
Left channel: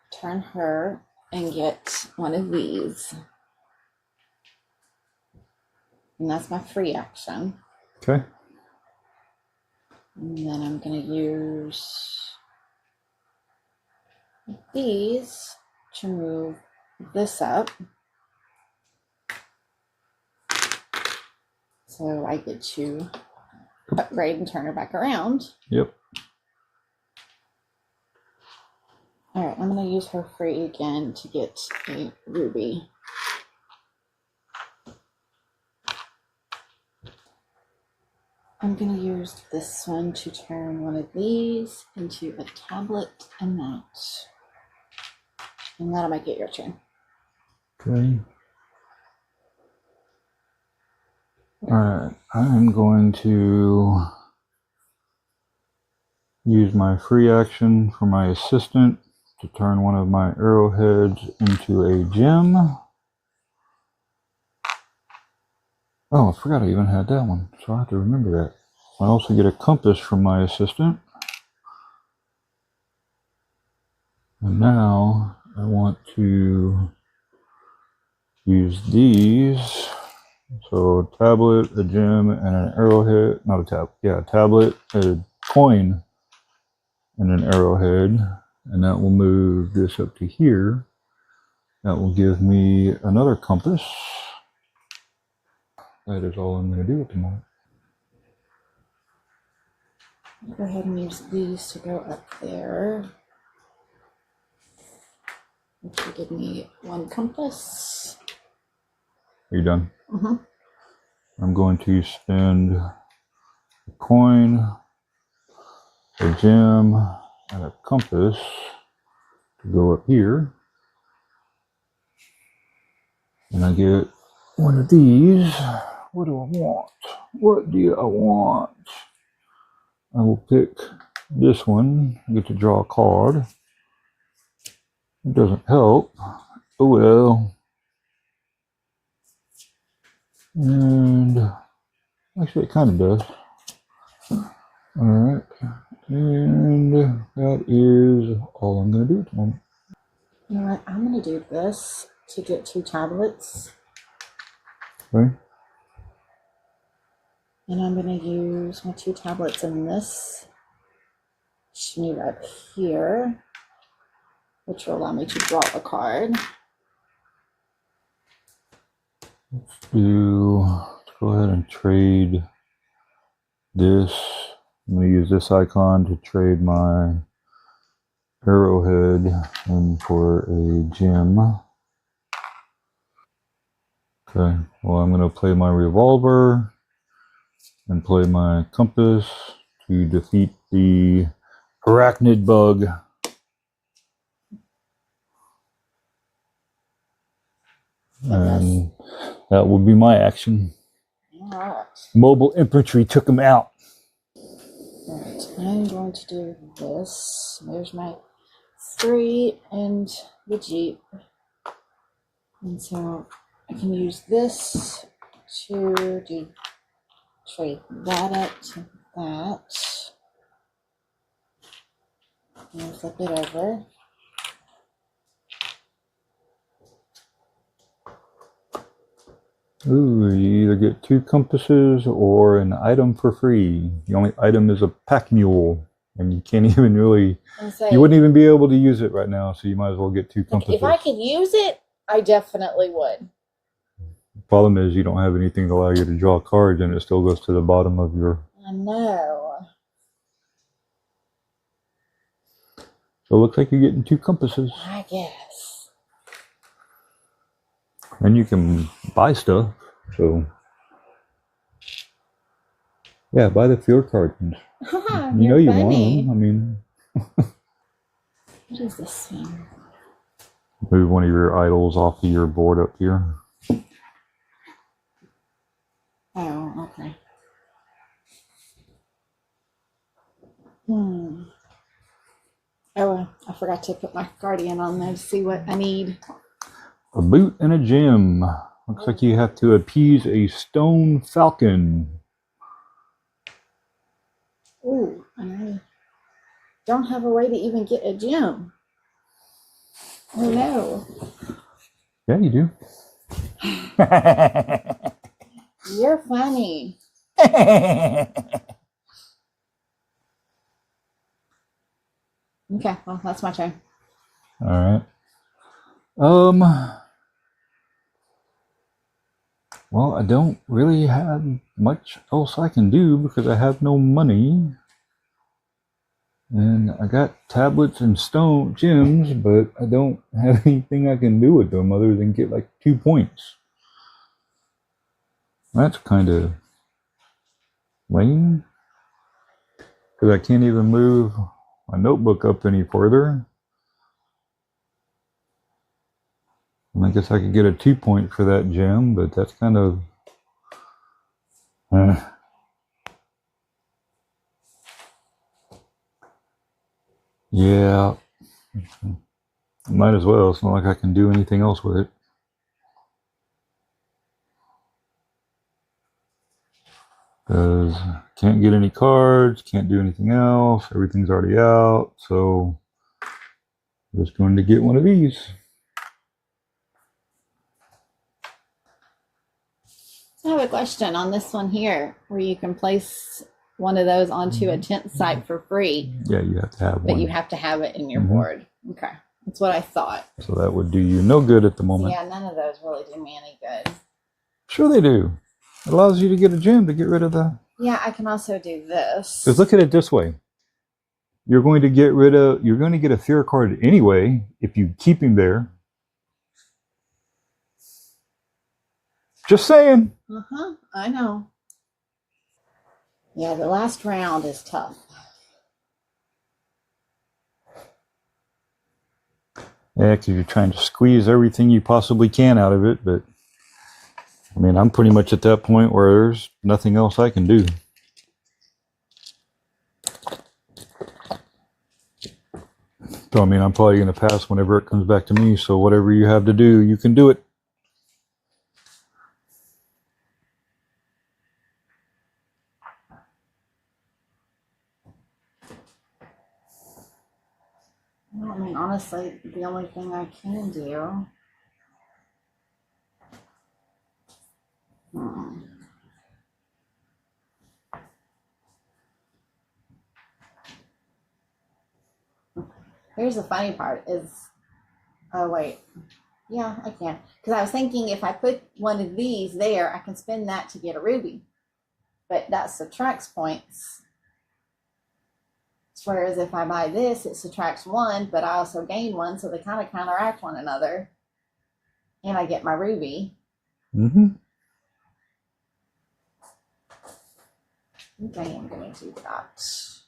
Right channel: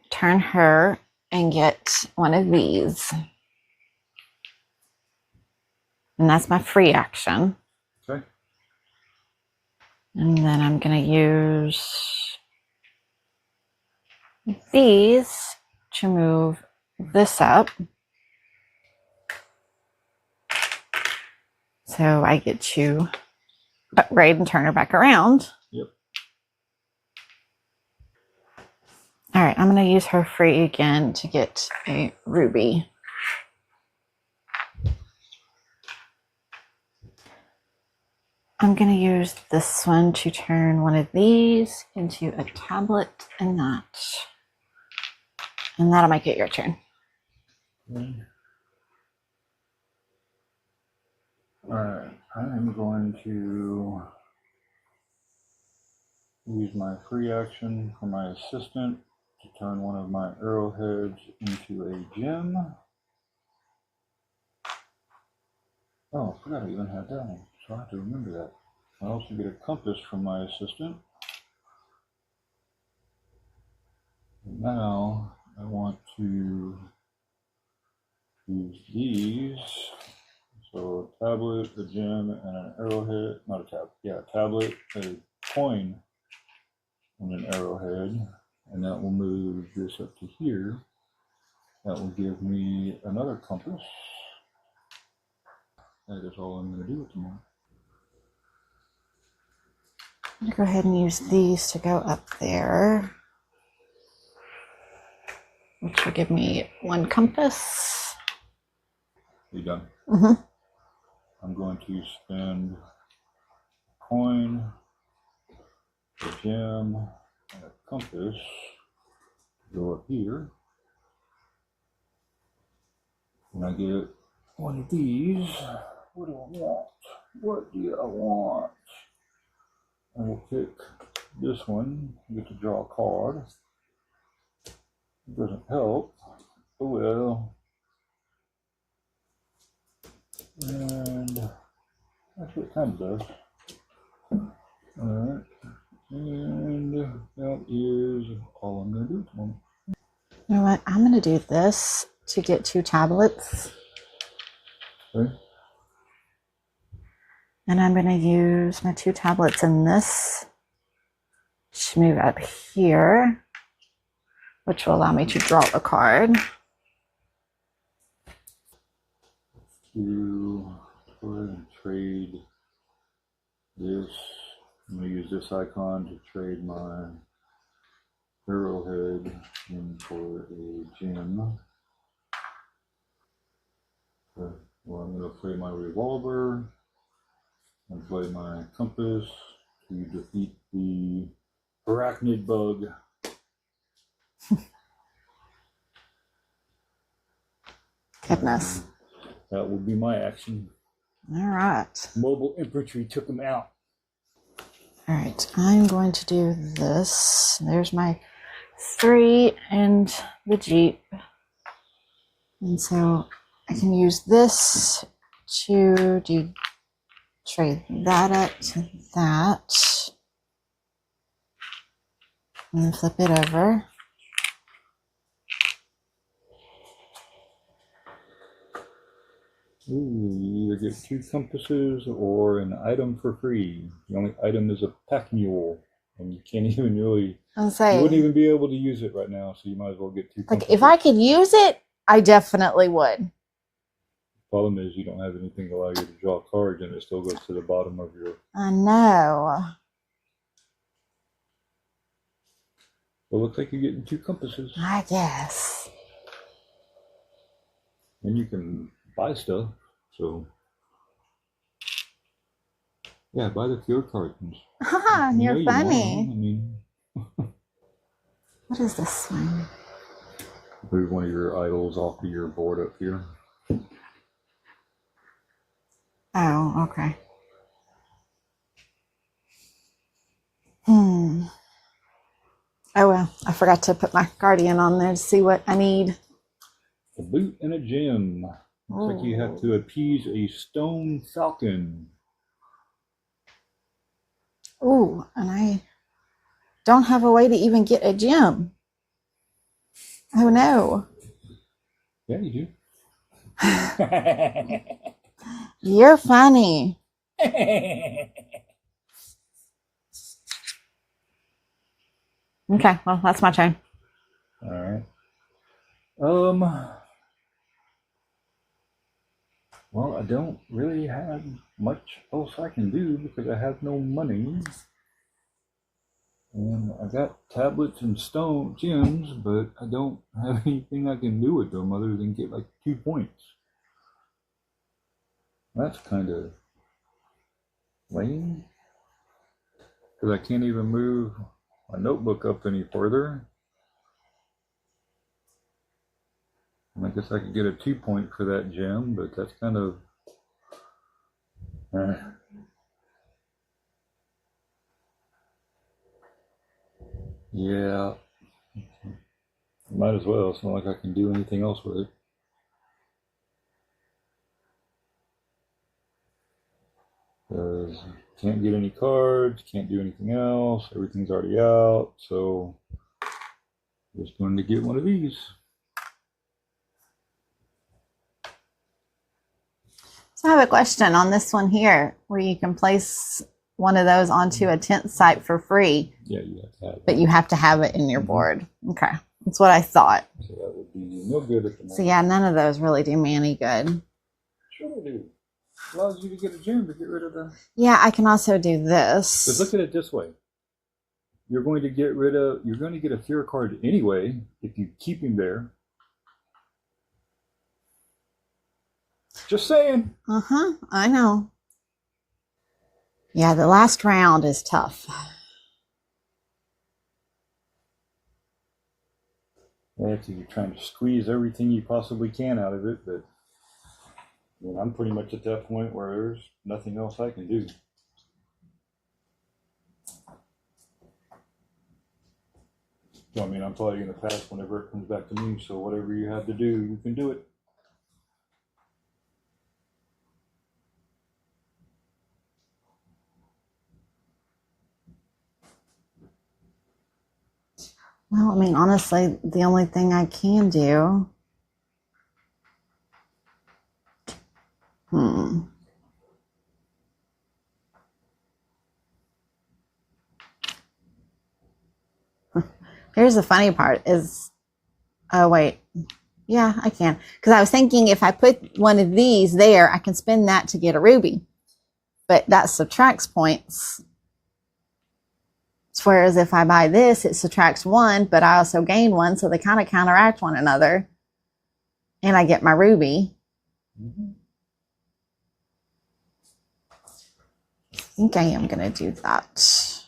turn her and get one of these. And that's my free action. Okay. And then I'm going to use these to move this up. So I get to upgrade and turn her back around. Yep. All right, I'm going to use her free again to get a ruby. I'm going to use this one to turn one of these into a tablet and that. And that'll make it your turn. Okay. Alright, I'm going to use my free action for my assistant to turn one of my arrowheads into a gem. Oh, I forgot I even had that one, so I have to remember that. I also get a compass from my assistant. And now I want to use these. So a tablet, a gem, and an arrowhead. Not a tablet. Yeah, a tablet, a coin, and an arrowhead. And that will move this up to here. That will give me another compass. That is all I'm going to do at the moment. I'm going to go ahead and use these to go up there, which will give me 1 compass. Are you done? Mm-hmm. I'm going to spend a coin, a gem, and a compass to go up here. And I get one of these. What do I want? What do I want? I will pick this one. I get to draw a card. It doesn't help. Oh well. And actually it kind of does. Alright. And that is all I'm going to do at the moment. You know what? I'm going to do this to get 2 tablets. Okay. And I'm going to use my 2 tablets in this to move up here, which will allow me to draw a card. Let's go ahead and trade this. I'm going to use this icon to trade my arrowhead in for a gem. Okay, well I'm going to play my revolver and play my compass to defeat the arachnid bug. Goodness. And that will be my action. All right. Mobile infantry took him out. All right. I'm going to do this. There's my 3 and the Jeep. And so I can use this to trade that up to that. And then flip it over. Ooh, you either get 2 compasses or an item for free. The only item is a pack mule, and you can't even really, you wouldn't even be able to use it right now, so you might as well get 2 compasses. Like, if I could use it, I definitely would. The problem is you don't have anything to allow you to draw cards, and it still goes to the bottom of your... I know. So it looks like you're getting 2 compasses. I guess. And you can buy stuff, so... Yeah, buy the field cards. You're you funny. want them. I mean... What is this one? Move one of your idols off of your board up here. Oh, okay. Oh well, I forgot to put my guardian on there to see what I need. A boot and a gem. Looks like you have to appease a stone falcon. Ooh, and I don't have a way to even get a gem. Oh no. Yeah, you do. You're funny. Okay, well, that's my turn. All right. Well, I don't really have much else I can do because I have no money. And I got tablets and stone gems, but I don't have anything I can do with them other than get like 2 points. That's kind of lame. Because I can't even move my notebook up any further. And I guess I could get a 2 point for that gem, but that's kind of... yeah. Might as well. It's not like I can do anything else with it. Because can't get any cards, can't do anything else, everything's already out, so I'm just going to get one of these. So I have a question on this one here, where you can place one of those onto a tent site for free. Yeah, you have to have one. But you have to have it in your board. Okay, that's what I thought. So that would do you no good at the moment. So yeah, none of those really do me any good. Sure they do. It allows you to get a gem to get rid of that. Yeah, I can also do this. Because look at it this way. You're going to get a fear card anyway if you keep him there. Just saying. I know. Yeah, the last round is tough. Yeah, because you're trying to squeeze everything you possibly can out of it, but I mean, I'm pretty much at that point where there's nothing else I can do. So, I mean, I'm probably going to pass whenever it comes back to me, so whatever you have to do, you can do it. Well, I mean, honestly, the only thing I can do... Here's the funny part is... Oh, wait. Yeah, I can. Because I was thinking if I put one of these there, I can spend that to get a ruby. But that subtracts points. Whereas if I buy this, it subtracts 1, but I also gain 1, so they kind of counteract one another. And I get my ruby. I think I am going to do that.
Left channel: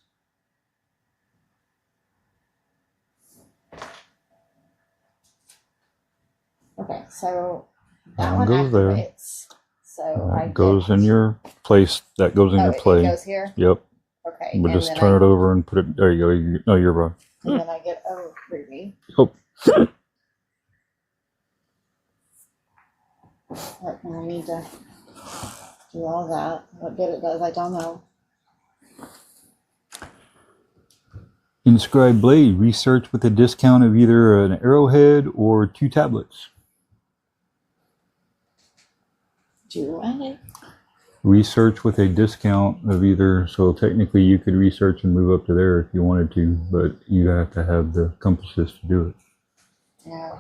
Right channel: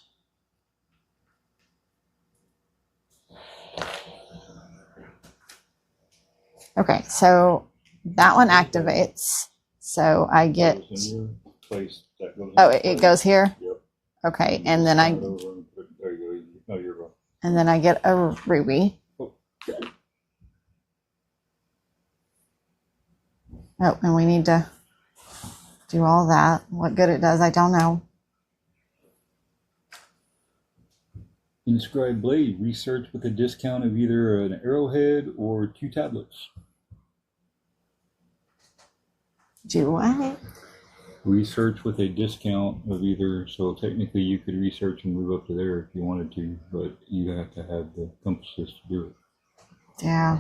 Okay, so that one Goes there. activates. So I get. Goes in your place. That goes in Oh, your play. it goes here? Yep. Okay, We'll and just then turn it over and put it. There you go. No, you're right. And then I get a ruby. Oh. Oh, and we need to do all that. What good it does, I don't know. Inscribed blade. Research with a discount of either an arrowhead or 2 tablets. Do what? Research with a discount of either, so technically you could research and move up to there if you wanted to, but you have to have the compasses to do it. Yeah.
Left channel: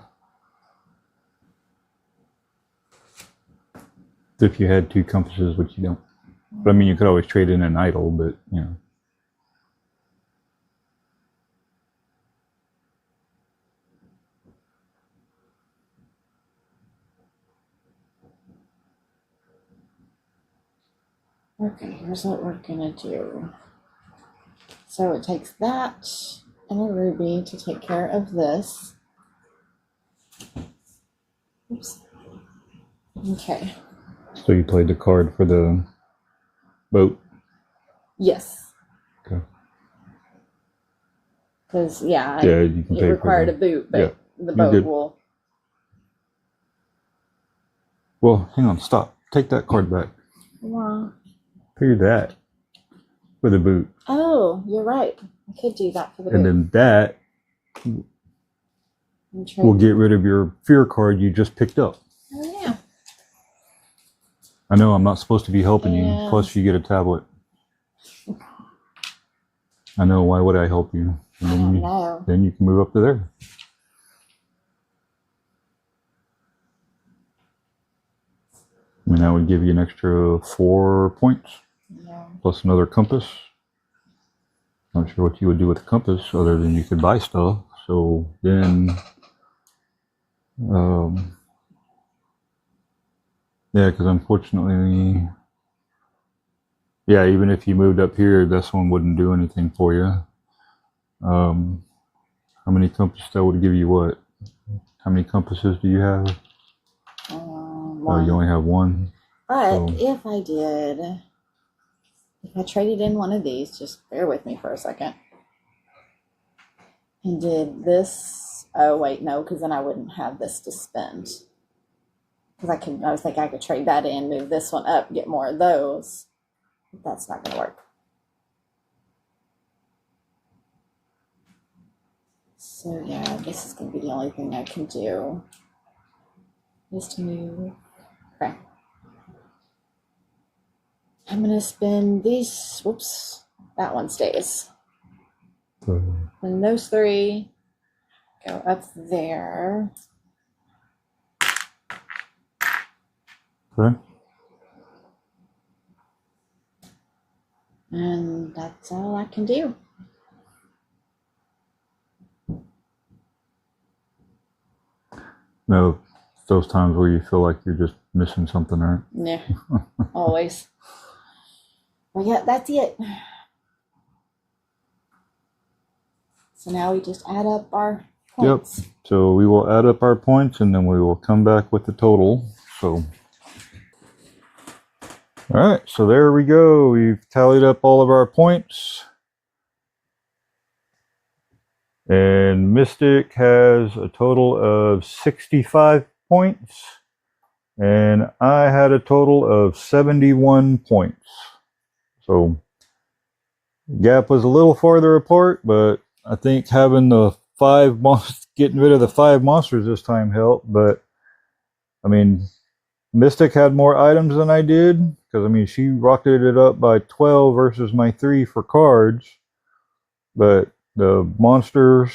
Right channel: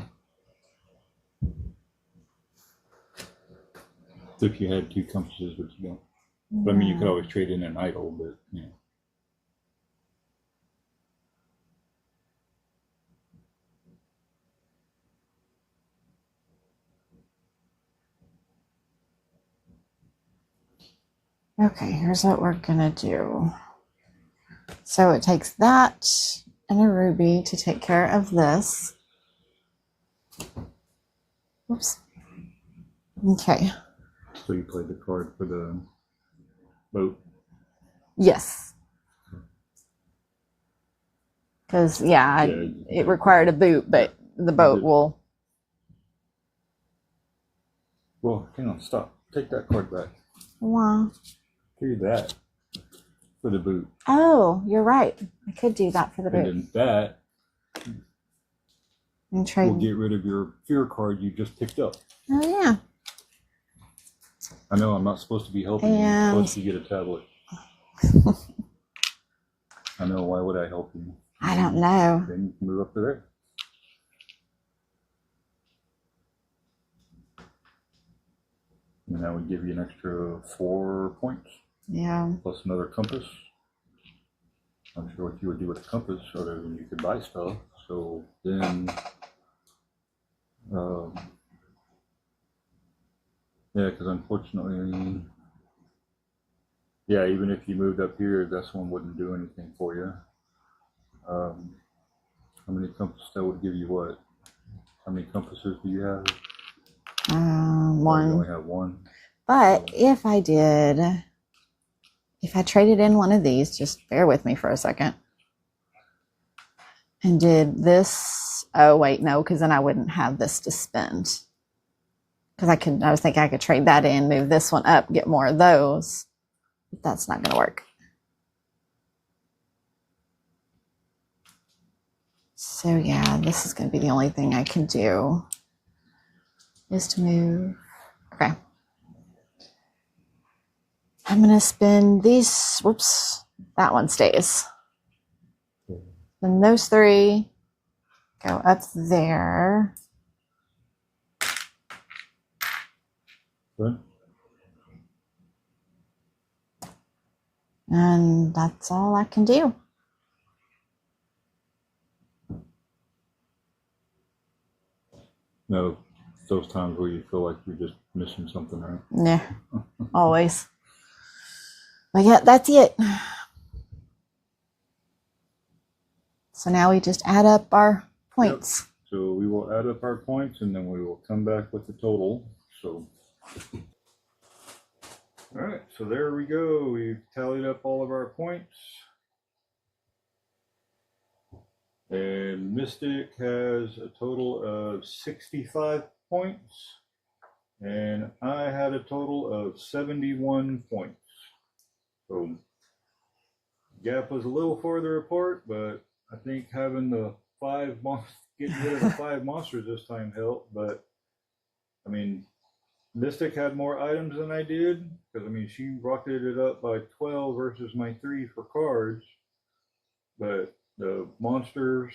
If you had 2 compasses, which you don't. But I mean, you could always trade in an idol, but you know. Okay, here's what we're gonna do. So it takes that and a ruby to take care of this. Oops. Okay. So you played the card for the boat? Yes. Okay. Because, yeah, it required a boot, but the boat will. Well, hang on, stop. Take that card back. Wow. Figure that for the boot. Oh, you're right. I could do that for the boot. And then that will get rid of your fear card you just picked up. Oh, yeah. I know I'm not supposed to be helping you, plus you get a tablet. I know, why would I help you? I don't know. Then you can move up to there. I mean, that would give you an extra 4 points. Yeah. Plus another compass. Not sure what you would do with the compass other than you could buy stuff. So then, yeah, because unfortunately, yeah, even if you moved up here, this one wouldn't do anything for you. How many compasses? That would give you what? How many compasses do you have? One. Or you only have one. But if I traded in one of these, just bear with me for a second, and did this. Oh wait, no, because then I wouldn't have this to spend. Because I was thinking I could trade that in, move this one up, get more of those. But that's not going to work. So yeah, this is going to be the only thing I can do, is to move. Okay. I'm going to spin these. Whoops. That one stays. And those 3 go up there. Okay. And that's all I can do. No, those times where you feel like you're just missing something, right? Yeah, always. But yeah, that's it. So now we just add up our points. Yep. So we will add up our points and then we will come back with the total. So, all right, so there we go. We've tallied up all of our points. And Mystic has a total of 65 points. And I had a total of 71 points. So gap was a little farther apart, but I think having the 5 monsters, getting rid of the 5 monsters this time helped. But I mean, Mystic had more items than I did, because I mean, she rocketed it up by 12 versus my 3 for cards. But the monsters,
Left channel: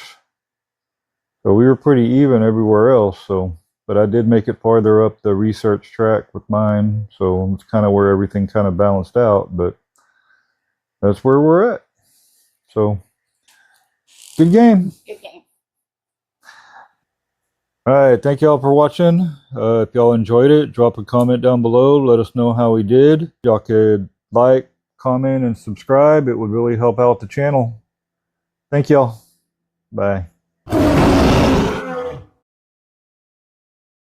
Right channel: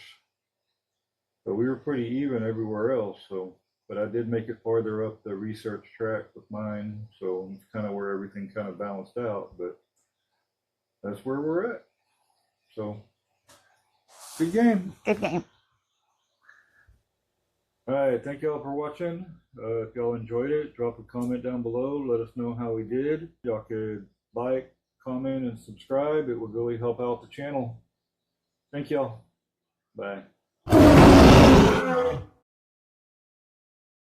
so we were pretty even everywhere else. So, but I did make it farther up the research track with mine, so it's kind of where everything kind of balanced out. But that's where we're at. So, good game. Good game. All right, thank y'all for watching. If y'all enjoyed it, drop a comment down below. Let us know how we did. Y'all could like, comment, and subscribe. It would really help out the channel. Thank y'all. Bye.